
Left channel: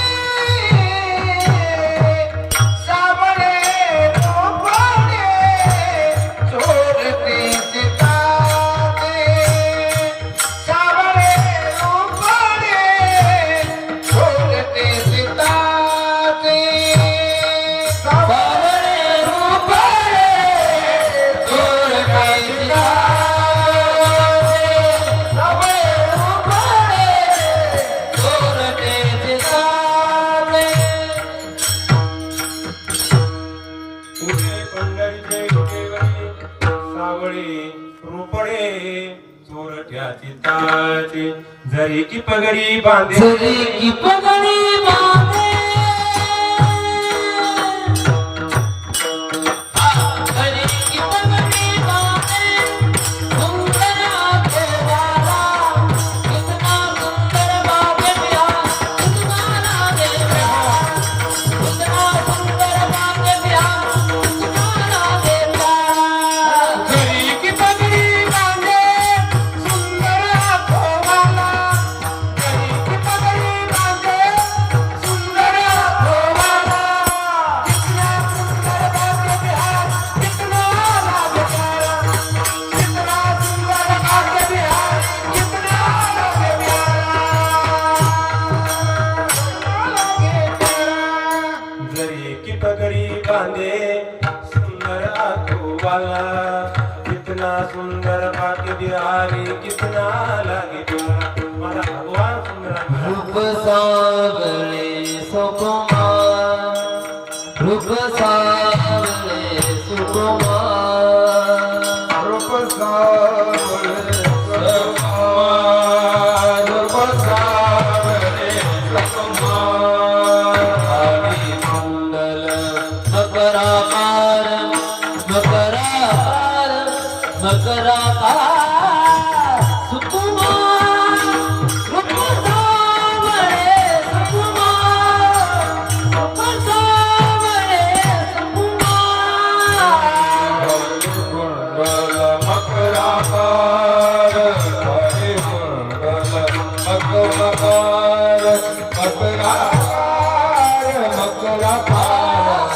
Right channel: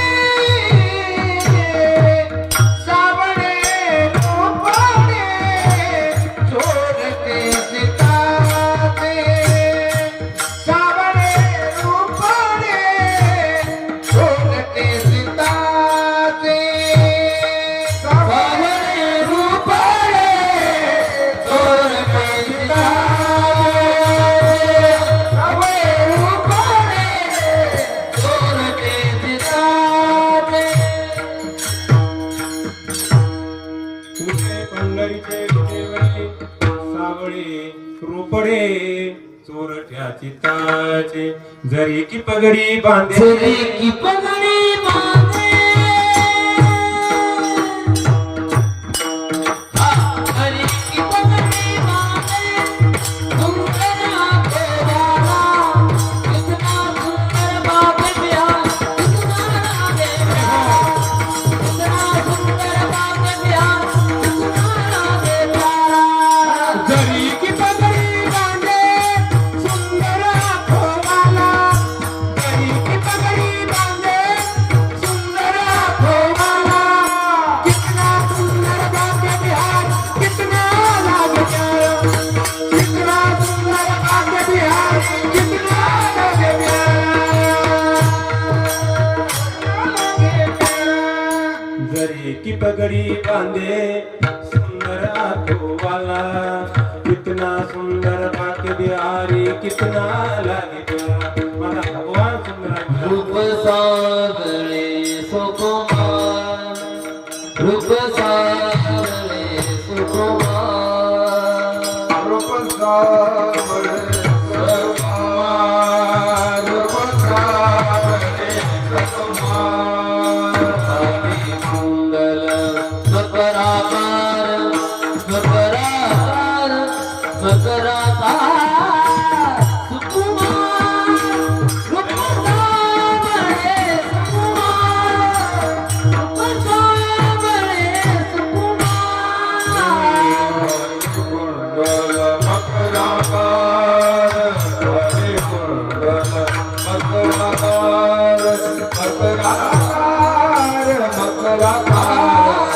सावळे लोकांनी चोरते सीताते सावळे लोकांनी चोरते सीताते सावळे लोकांनी जरी की पगडी बांधे जरी की पगडी बांधे जरी की पगडी बांधे सुंदर देवाला कितना सुंदर बाबे बिया तुम्हारा देवा कितना सुंदर बाबे बिया तुम्हारा देवा जरी की पगडी बांधे सुंदर खोवाला जरी की पगडी बांधे सुंदर खोवाला कितना सुंदर बाबे बिहार कितना लाभ प्यारा कितना सुंदर बाबे बिहार कितना लाभ प्यारा जरी की पगडी बांधे सुंदर आठोवाला कितना सुंदर बाके बिहारी कितना लागे प्यारा माझा भगवान सुंदर आहे. रूप सावळे सुकुमार रूप सावळे सुकुमार रूप सावळे मंगल मकराकार मकराकार मकराकार सुकुमार रूप सावळे सुकुमार रूप सावळे सुकुमार मकराकार मकराकार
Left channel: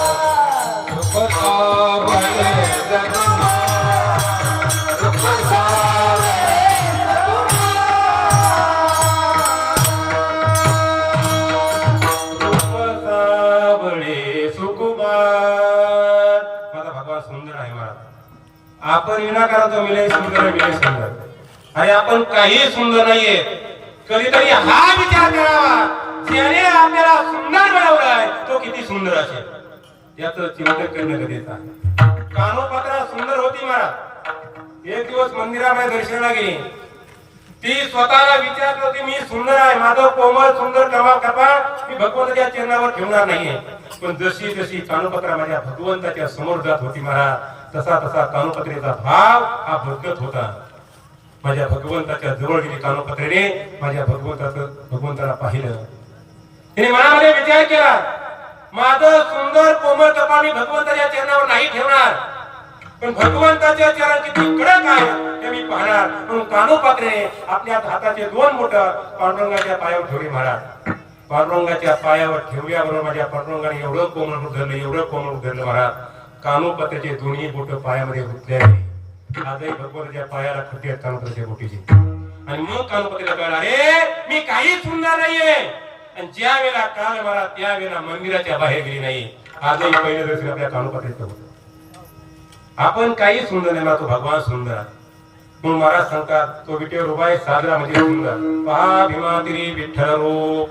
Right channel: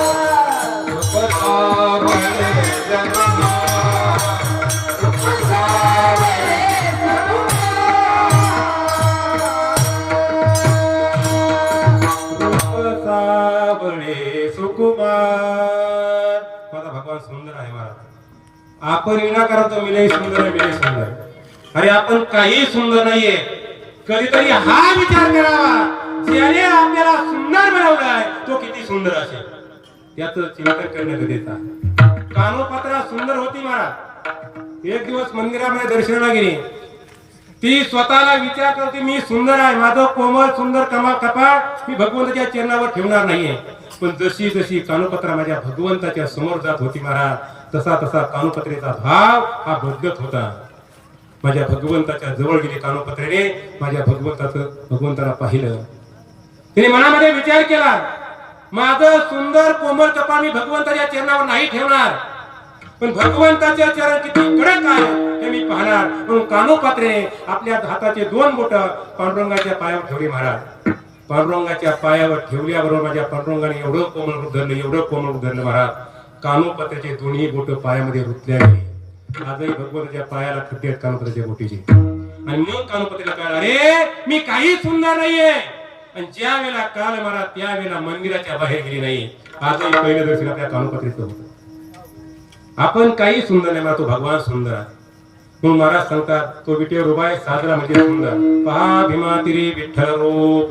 दुःख सावळे जगन्नाथ दुःख सावळे सावळे सुकुमार. माझा भगवान सुंदर आहे महाराज. आपण विनाकारण तो मिले सुंदर मिले सुंदर. अरे आपण काही सुंदर नाहीये. कधीतरी हा विचार करावा, ज्याने आपल्याला सुंदर बनवलाय तो किती सुंदर असेल. त्याचं चिंतन करणं गरजेचं आहे. कानोपात्रा सुंदर होती महाराज. एक दिवस मंदिरामध्ये दर्शनाला गेली. ती स्वतःला विचार करते, मी सुंदर आहे, माझं कोमल सुंदर कपाळ मी भगवंताच्या चरणावर ठेवणार नाहीये. पण जशी जशी कानोपात्रा माझ्या भगवंताच्या समोर जात होती महाराज, तसा तसा कानोपात्रेचा भाव हा बदलत होता. माझ्या भगवंताच्या जवळ गेली कानोपात्रेने, माझ्या भगवंताला पाहिलं. तिने मनामध्ये विचार केला, माझं सुंदर कोमल कपाळ मी भगवंताच्या चरणावर नाही ठेवणार, पण भगवंताचे चरण किती कडक आहे हे मी पाहणार. म्हणून कानोपात्रेने आपल्या हाताचे 2 बोट पांडुरंगाच्या पायावर ठेवली महाराज. पांडुरंगाच्या पायावर ठेवल्याबरोबर माझ्या पांडुरंगाने एवढं कोमल उधरलं महाराज. कानोपात्याचे दोन्ही बोट पायामध्ये रुतल्या गेली. आजही भगवंताच्या पायाला खड्डे आहेत कानोपात्याच्या बोटीचे. आणि मग कानोपात्याला कळलं, अरे मी काही सुंदर नाहीये. आणि ज्या वेळेला काल मला त्यावेळेला मंदिराच्या बाहेर गेली नाही. आजही पहिलं दर्शन आपल्या कानोपात्याचं होतं. आपण काही सुंदर नाही, तो भगवान सुंदर. म्हणून महाराज सांगतात, तो विठ्ठल उभा आहे साजरा म्हणजे सुंदर. पहा भीमा तिरी विठ्ठल रूप.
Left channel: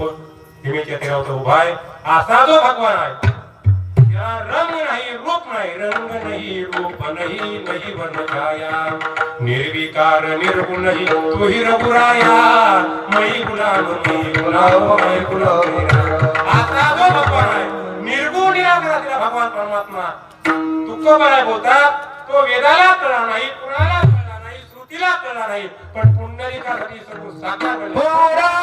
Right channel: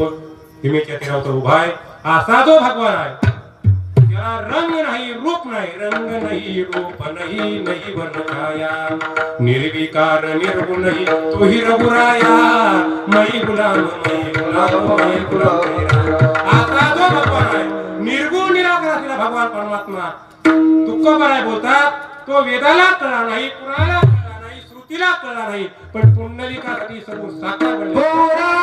भीमेच्या तीरावर उभा आहे असा जो भगवान आहे. त्याला रंग नाही रूप नाही, रंग नाही रूप नाही, नाही वर्ण छाया, निर्विकार निर्गुण नाही, तू ही रघुराया. मई गुलाम मई गुलाम असा जो भगवान आहे. निर्गुण निराकार असलेला भगवान परमात्मा. दुःख बराय बोलतात, तो वेदाला कळला नाही, कुणाला कळला नाही, श्रुतीला कळला नाही, पण पुंडलिकासाठी सर्व साकार बनला.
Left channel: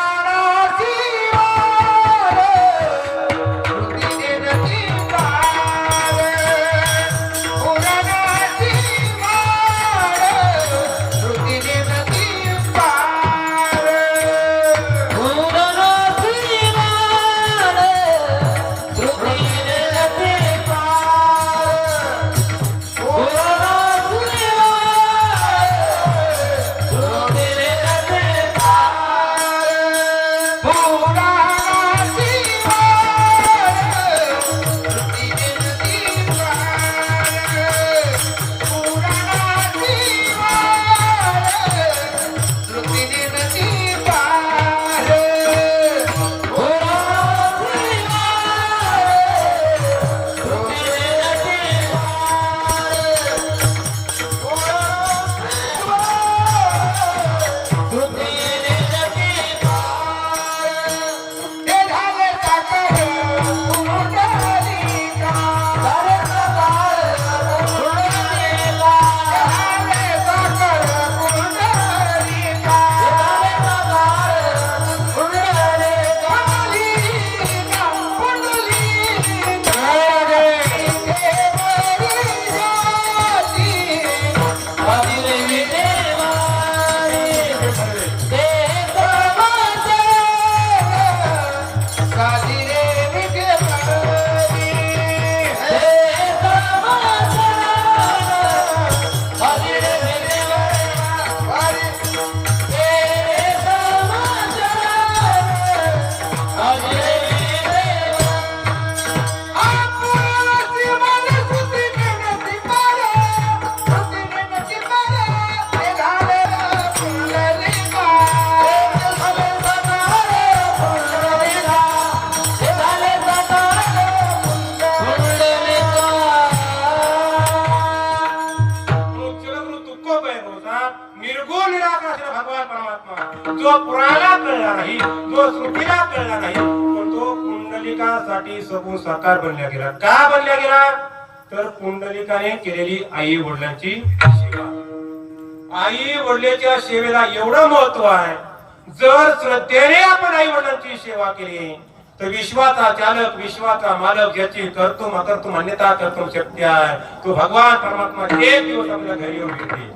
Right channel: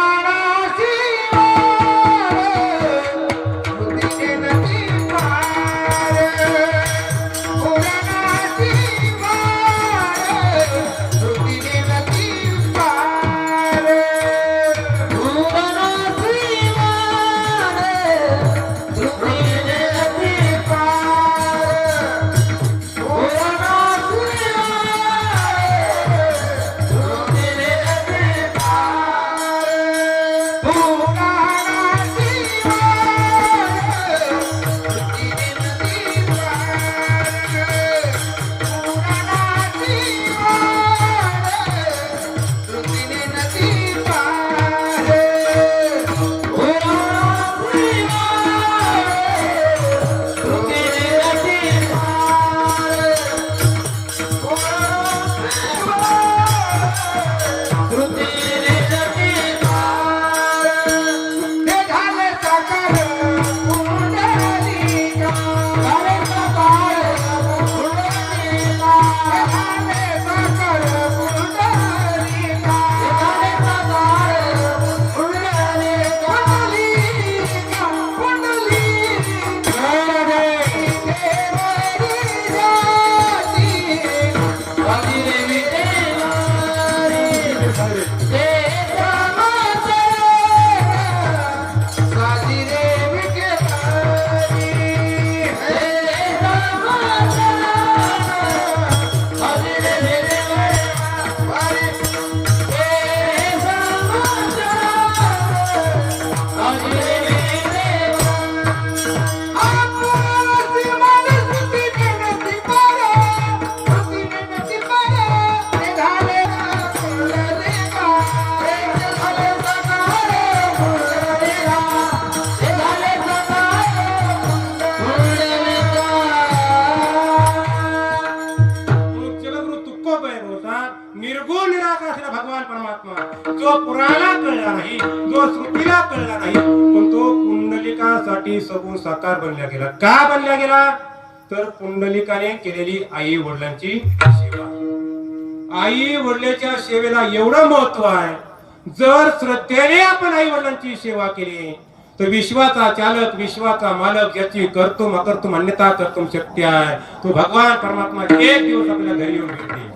निर्गुण निराकार असलेला भगवान परमात्मा, जो पुराणाला कळला नाही, जो श्रुतीला कळला नाही, पण तो पुंडलिकासाठी सबूत साकार बनला गेला. का बनला गेला? तर पुंडलिकाने केलेली आई वडिलांची सेवा. आई वडिलांच्या सेवेला एवढं महत्व आहे. जर श्रद्धेने आपण आई वडिलांची सेवा केली तर विश्वाचा चालक, विश्वाचा मालक याची कर्तुम अकर्तुम अन्यथा कर्तुम शक्य आहे. तो भगवान परमात्मा एक दिवस आपल्या घरी येऊन भेटले.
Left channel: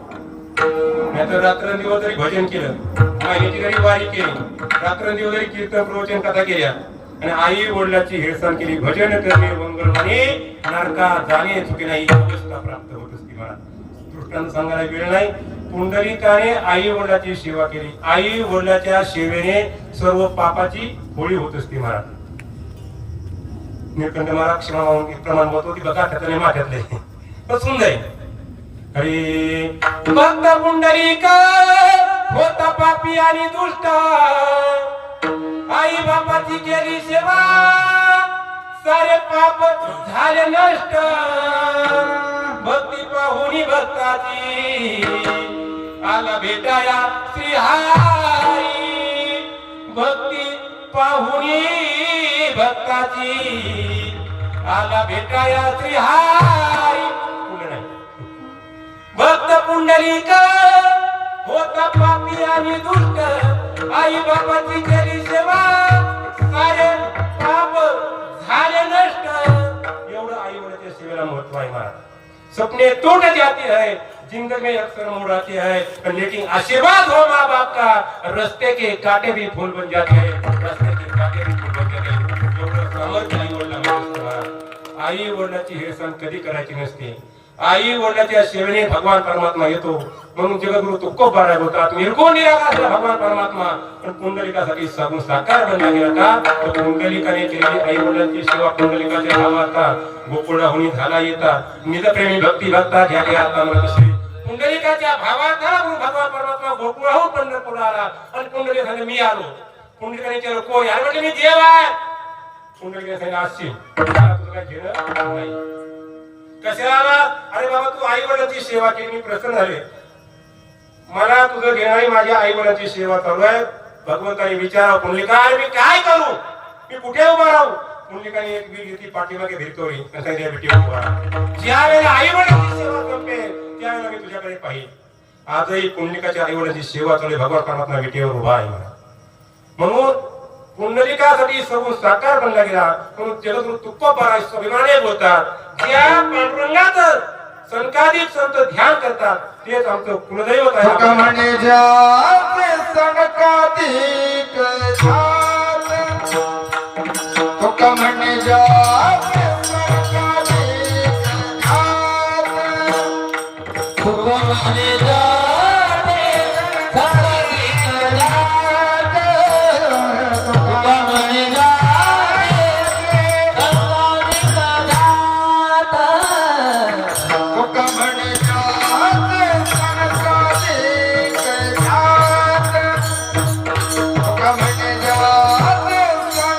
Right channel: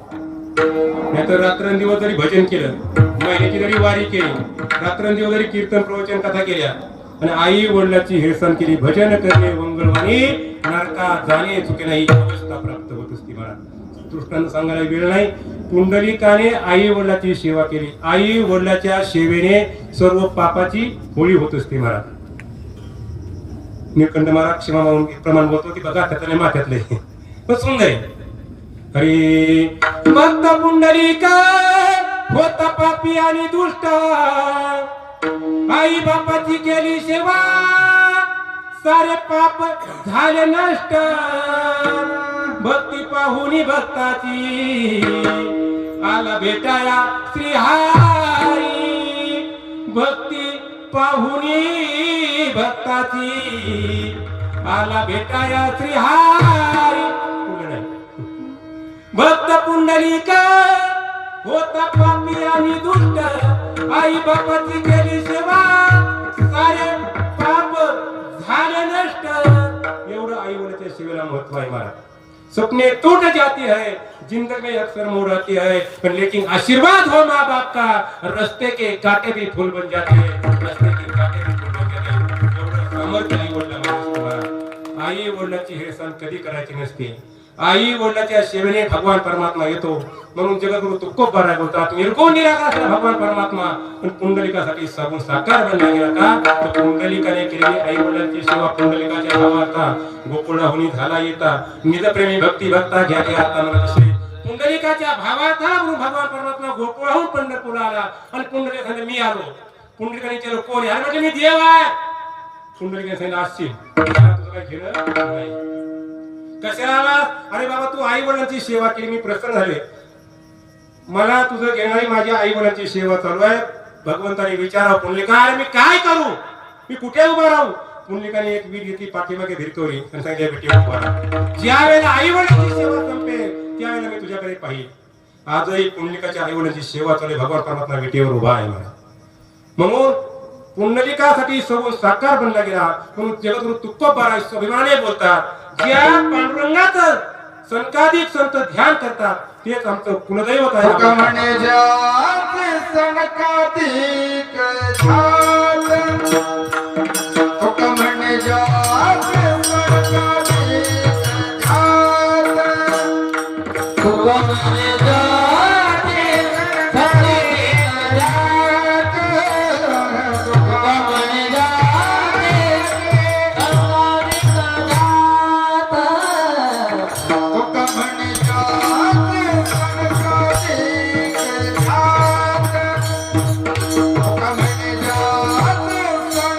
नाहीतर रात्रंदिवस तरी भजन केलं, महिन्याची जरी वारी केली, रात्रंदिवस जरी कीर्तन प्रवचन कथा केल्या आणि आई वडिलांची हेळसांड केली, भजन करणे मंगळवाणी नरका जाणे चुके नाही अवस्था प्राप्त होत असते. मला दृष्टांत सांगायला वेळ नाही. पुंडलिकाने आई वडिलांची सेवा केली, आई वडिलांच्या सेवेने सर्व पापाची होळी होत असते. मला निळकंठ महाराज क्षमा प्रमाण बोलतो की बघा त्यातले माथ्यातले बसून जाईल. अरे भक्त पुंडलिका होता पापी आणि दुष्ट, आई बापाची केली सेवा सारे पाप झाले नष्ट. भक्ती पाहुनी भक्ताची आला भेटाया श्रीहारी, भक्ती पाहुनी भक्ताची आला भेटाया श्रीहारी. नाही भक्त पुंडलिक होता पापी आणि दुष्ट, आई बापाची केली सेवा सारे पाप झाले नष्ट. एवढं आई वडिलांच्या सेवेला महत्व आहे. महाराज सपने टूट जाती है, जिंदगी अक्सर मुड़ आती है, पर लेकिन आशीर्वाद हो माँ बाप का, रास्ते के कांटे भी फूल बन जाते हैं, रास्ते के कांटे भी फूल बन जाते हैं. एवढं सामर्थ्य आई वडिलांना. आई वडिलांची हेळसांड कधी करायची नसते. आई वडिलांच्या सेवेने भगवान परमात्मा येतो. म्हणून जगद्गुरु तुकोबाराय बोलतात निर्गुण निराकार भगवान परमात्मा. पण पुंडलिकासाठी सागून साकार बनला गेला का, तर पुंडलिकाने केलेली आई वडिलांची सेवा पुंडलिकाच्या नावाचा गोकुळाहुनी झाला येता. निजप्रेमी भक्ती भक्ता घ्या घ्या आता म्हणत पुंडलिकाच्या भावाचा म्हणून भगवान परमात्मा गोकुळाहून पंढरपूरला आला आणि पुंडलिकाने मी आलो. पुंडलिकाने केलं कोण यार म्हटलं मी देव आहे. पुंडलिकाने असशील तुझं काय घेणं नाही. कशाला आला? अरे बाबा तू आई वडिलांची सेवा केली, मी प्रसन्न झाले, मला तुझं घेणारी माझ्या आई वडिलांची सेवा चालू आहे. भगवंताने विचारा पुंडलिका मी काय करू, मी कुठे उभा राहू. पुंडलिकाने एक वीर घेतली पाठीमागे भिरकवली आणि सांगितलं बेटी उभा राहा. ज्या वेळेला आई वडिलांची सेवा संपेल त्यावेळेला मी तुझ्याकडे पाहिजे. आजही पुंडलिकाच्या आई वडिलांची सेवा चालू, भगवान परमात्मा बेटीवर उभा आहे. मला म्हणून पुंडलिकासाठी सर्व साकार बनला गेला. म्हणून जगद्गुरु तुकोबाराय अभिमाने बोलतात ज्या पांडुरंगाचं संकाधिक संत ध्यान करतात तेच आमचं कुलदैवत आहे. तुका म्हणे जाते संकाधिक ध्यान, तुका म्हणे जाते संकाधिक ध्यान, तुका म्हणे जाते संकाधिक ध्यान, तुका म्हणे जाते संकाधिक ध्यान, तुका म्हणे जाते संकाधिक ध्यान, तुका म्हणे जाते संकाधिक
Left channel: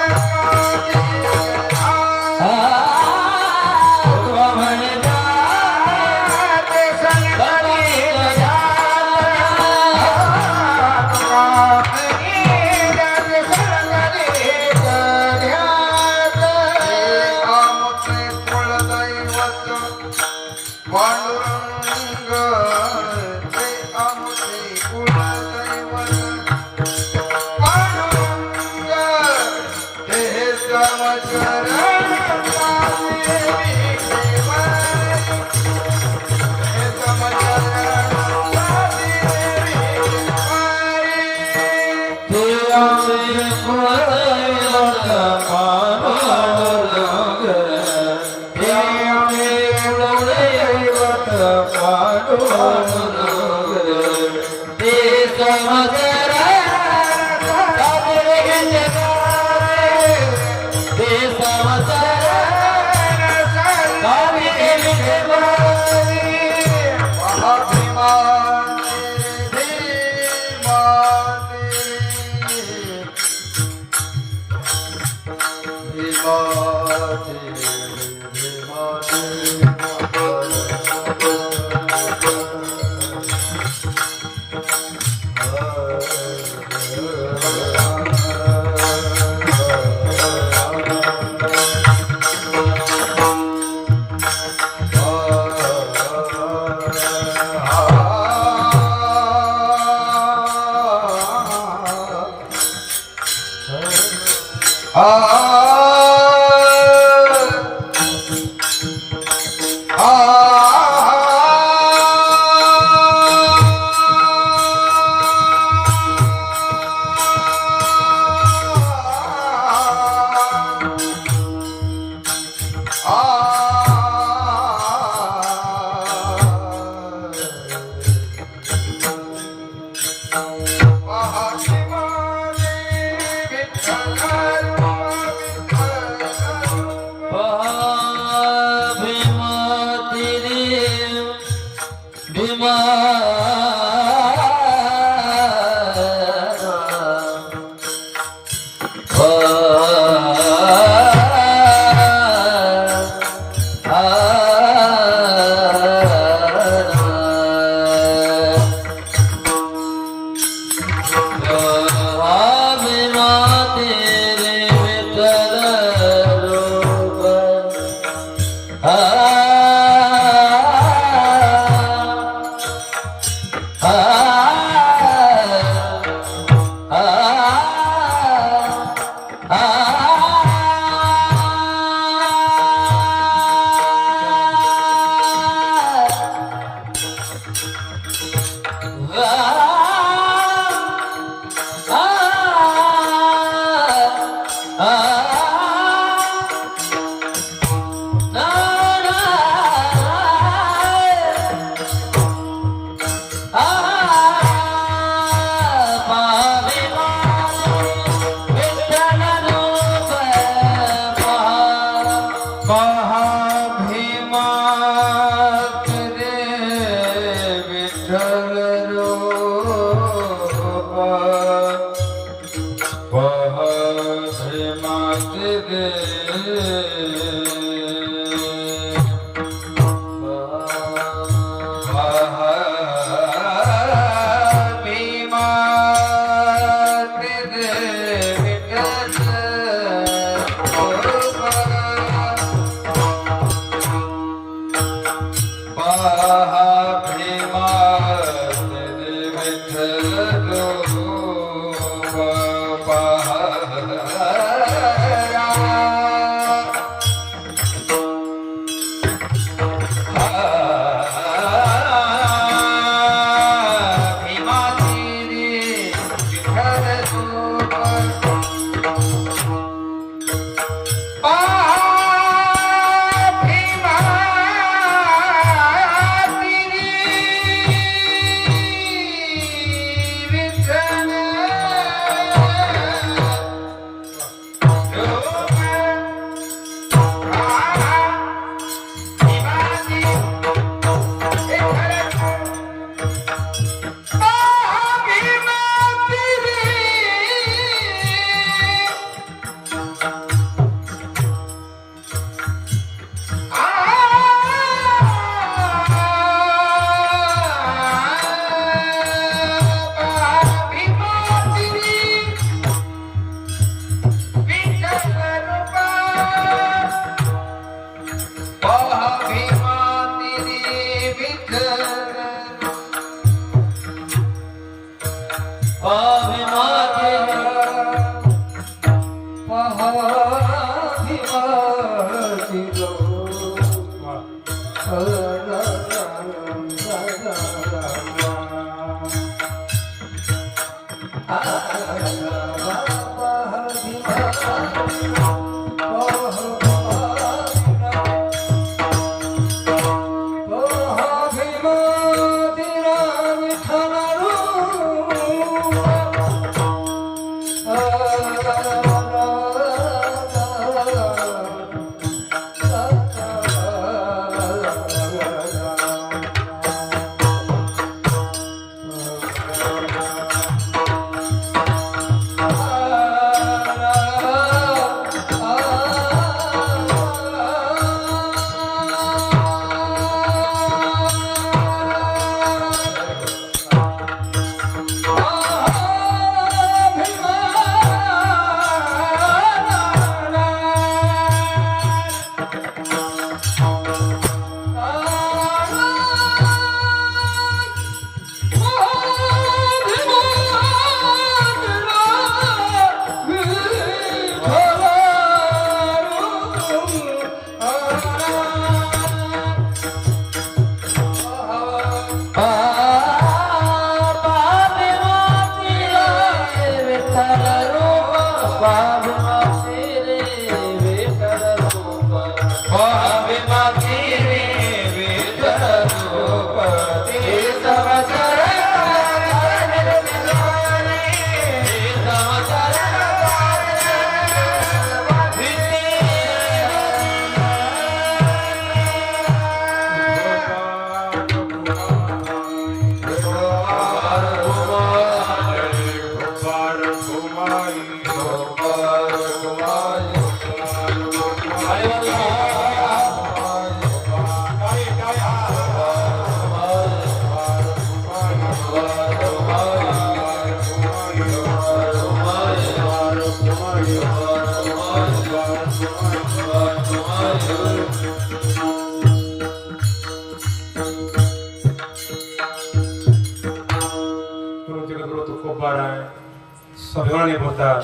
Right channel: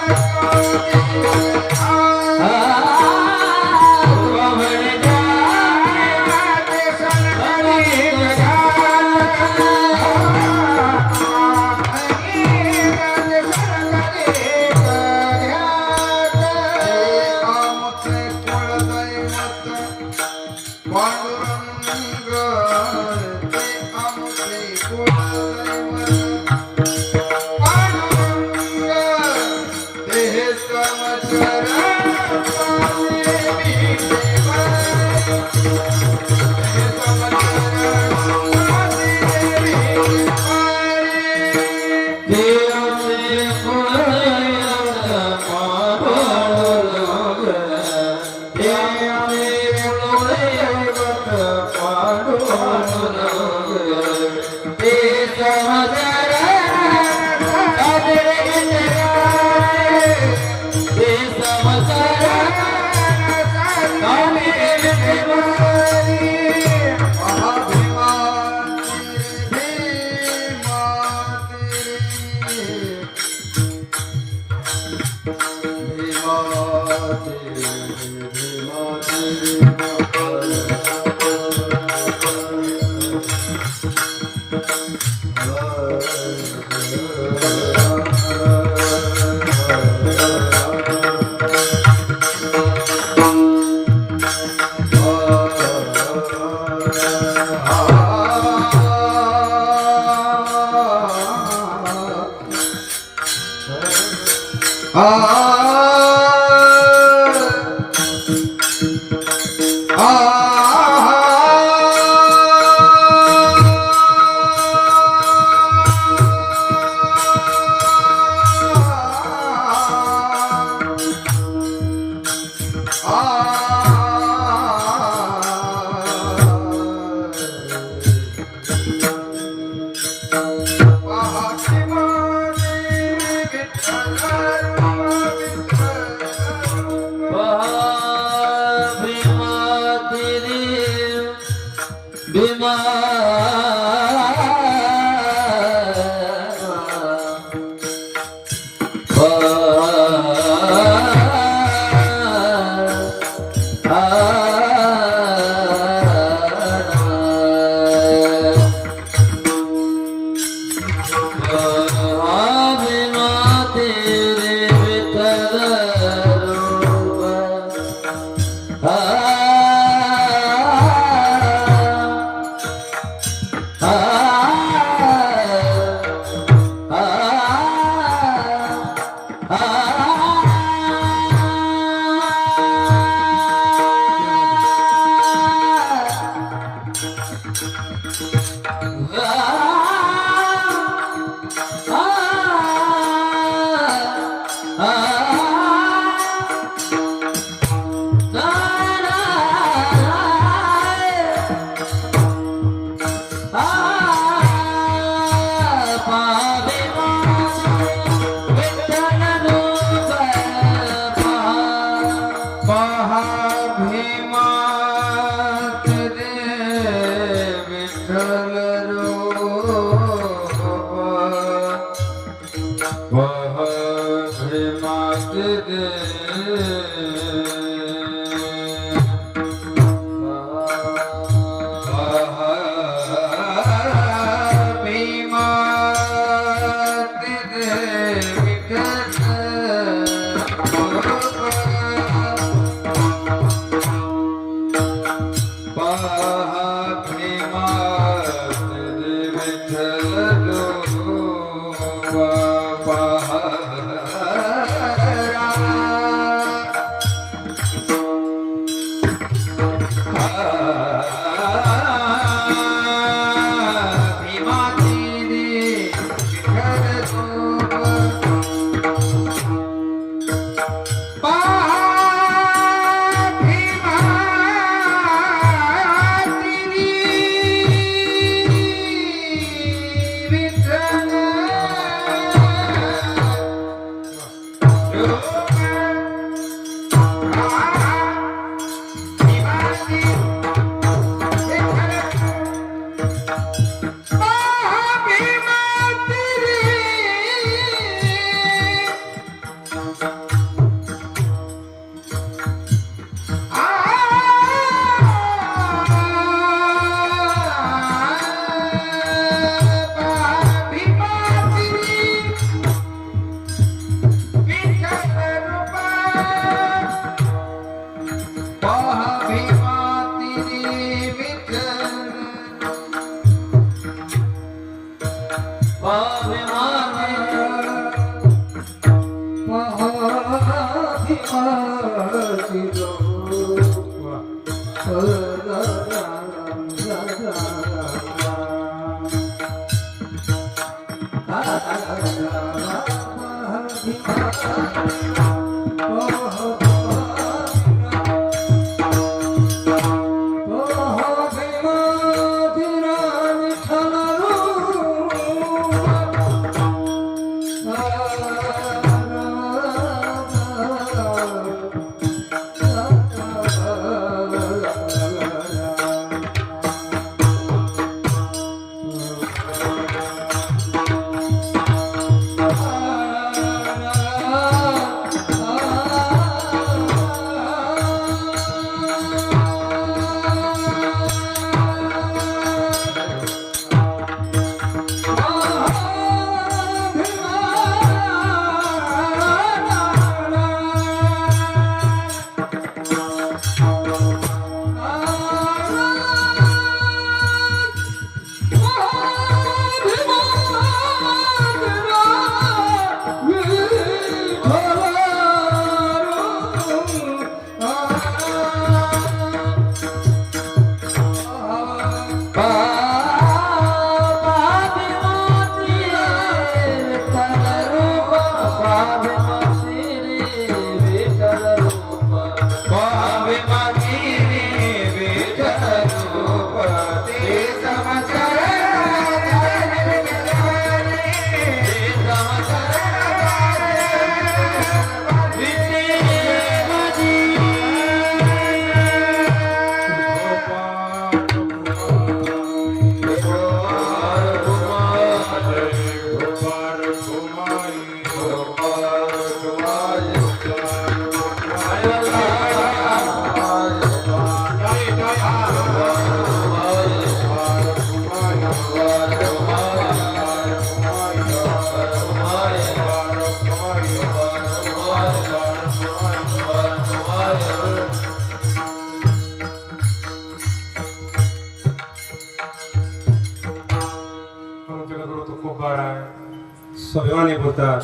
सभाने होतात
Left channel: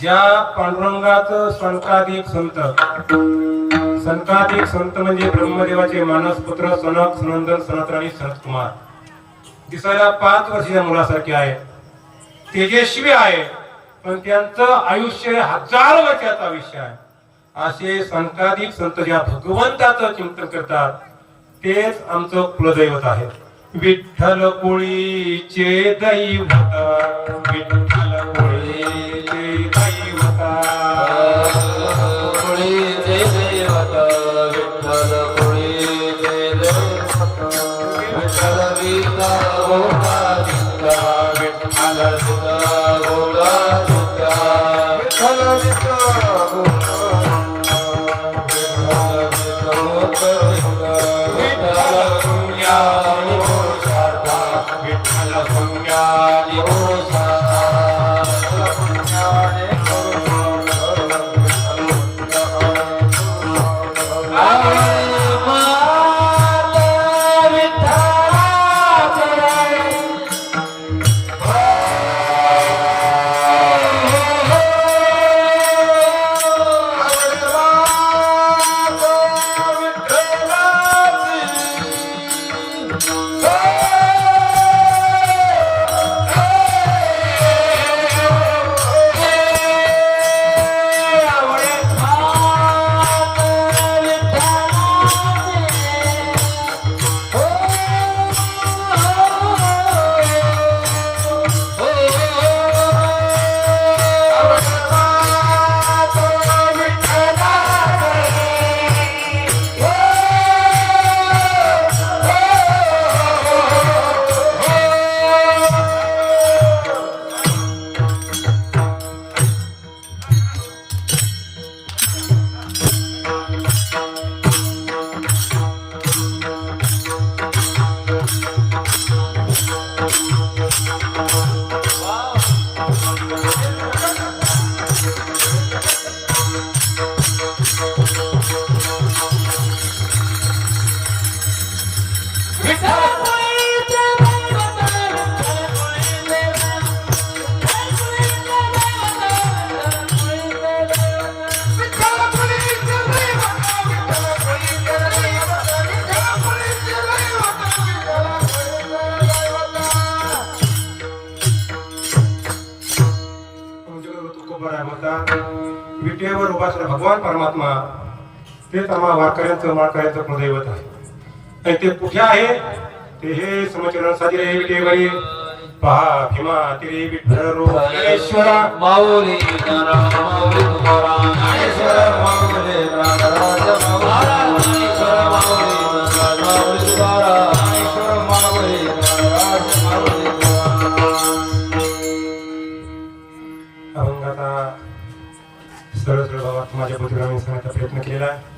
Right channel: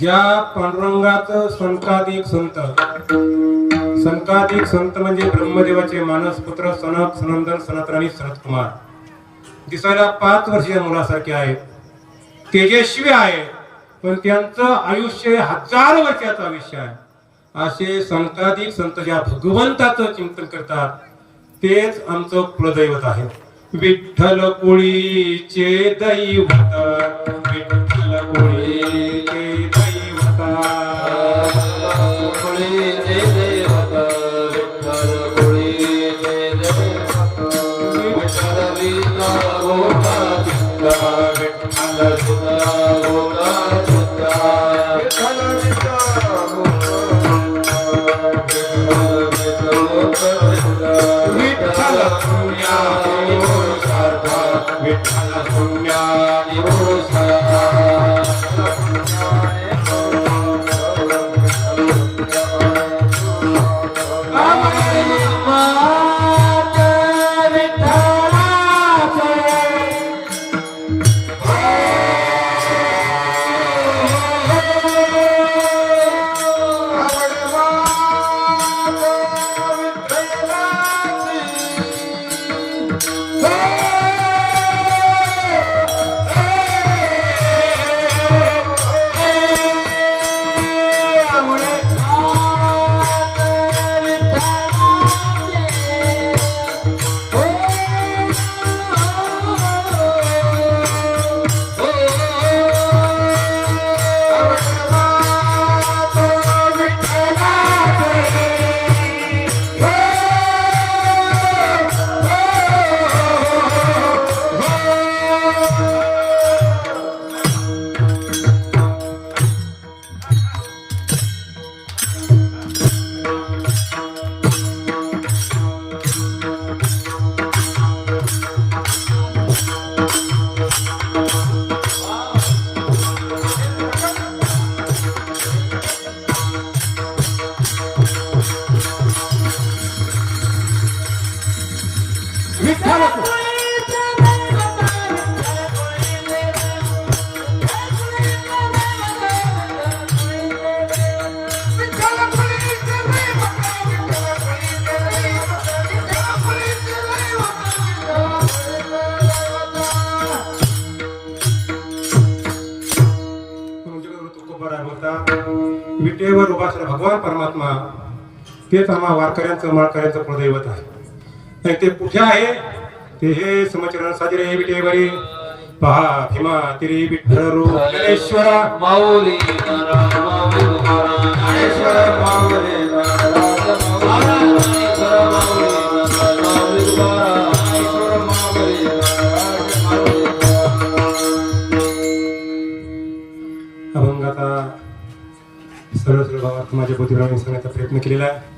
ज्या पांडुरंगाचं संकाधिक संत म्हणजे ब्रह्मदेवाचे मानस पुत्र सनक सनंदन सनातन आणि सनत कुमार दिसायला 5 वर्षाच्या मुलासारखे आहेत, तेजस्वी आहे, पण त्यांचं आयुष्य 1000 वर्षाचं आयुष्य आहे. असे संकाधिक संत ज्या भगवंताचं चिंतन करतात तेच आमचं कुलदैवत आहे. विठ्ठल कोळीचे दैवत, विठ्ठल कोळीचे दैवत, कोळीचे दैवत, विठ्ठल कोळीचे दैवत, विठ्ठल विठ्ठल गोला विठ्ठल, विठ्ठल सुधा गोला विठ्ठल, विठ्ठल विठ्ठल गोला मात्र भगवान परमात्मा तेच आम्हा वारकऱ्यांचं माळकऱ्यांचं कुलदैवत आहे आणि ते कुठे आहे ते हे समचरण साजरे विटे बरे पहा भीमा तिरी विठ्ठल रोगेश्वरा माऊली ज्ञानराज माऊली तुकाराम ज्ञानेश्वर माऊली ज्ञानराज माऊली ज्ञानेश्वर माऊली ज्ञानराज माऊली तुकाराम ज्ञानेश्वर माऊली ज्ञानराज माऊली अभंग आता सरळ सरळ भावात माझ्या बुद्धिबळाने सांगण्याचा प्रयत्न केलेला आहे.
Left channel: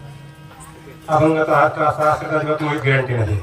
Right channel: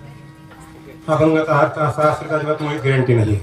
अभंगाचा हात का असा असेल तर अजिबात तुम्हाला गॅरंटी नाही.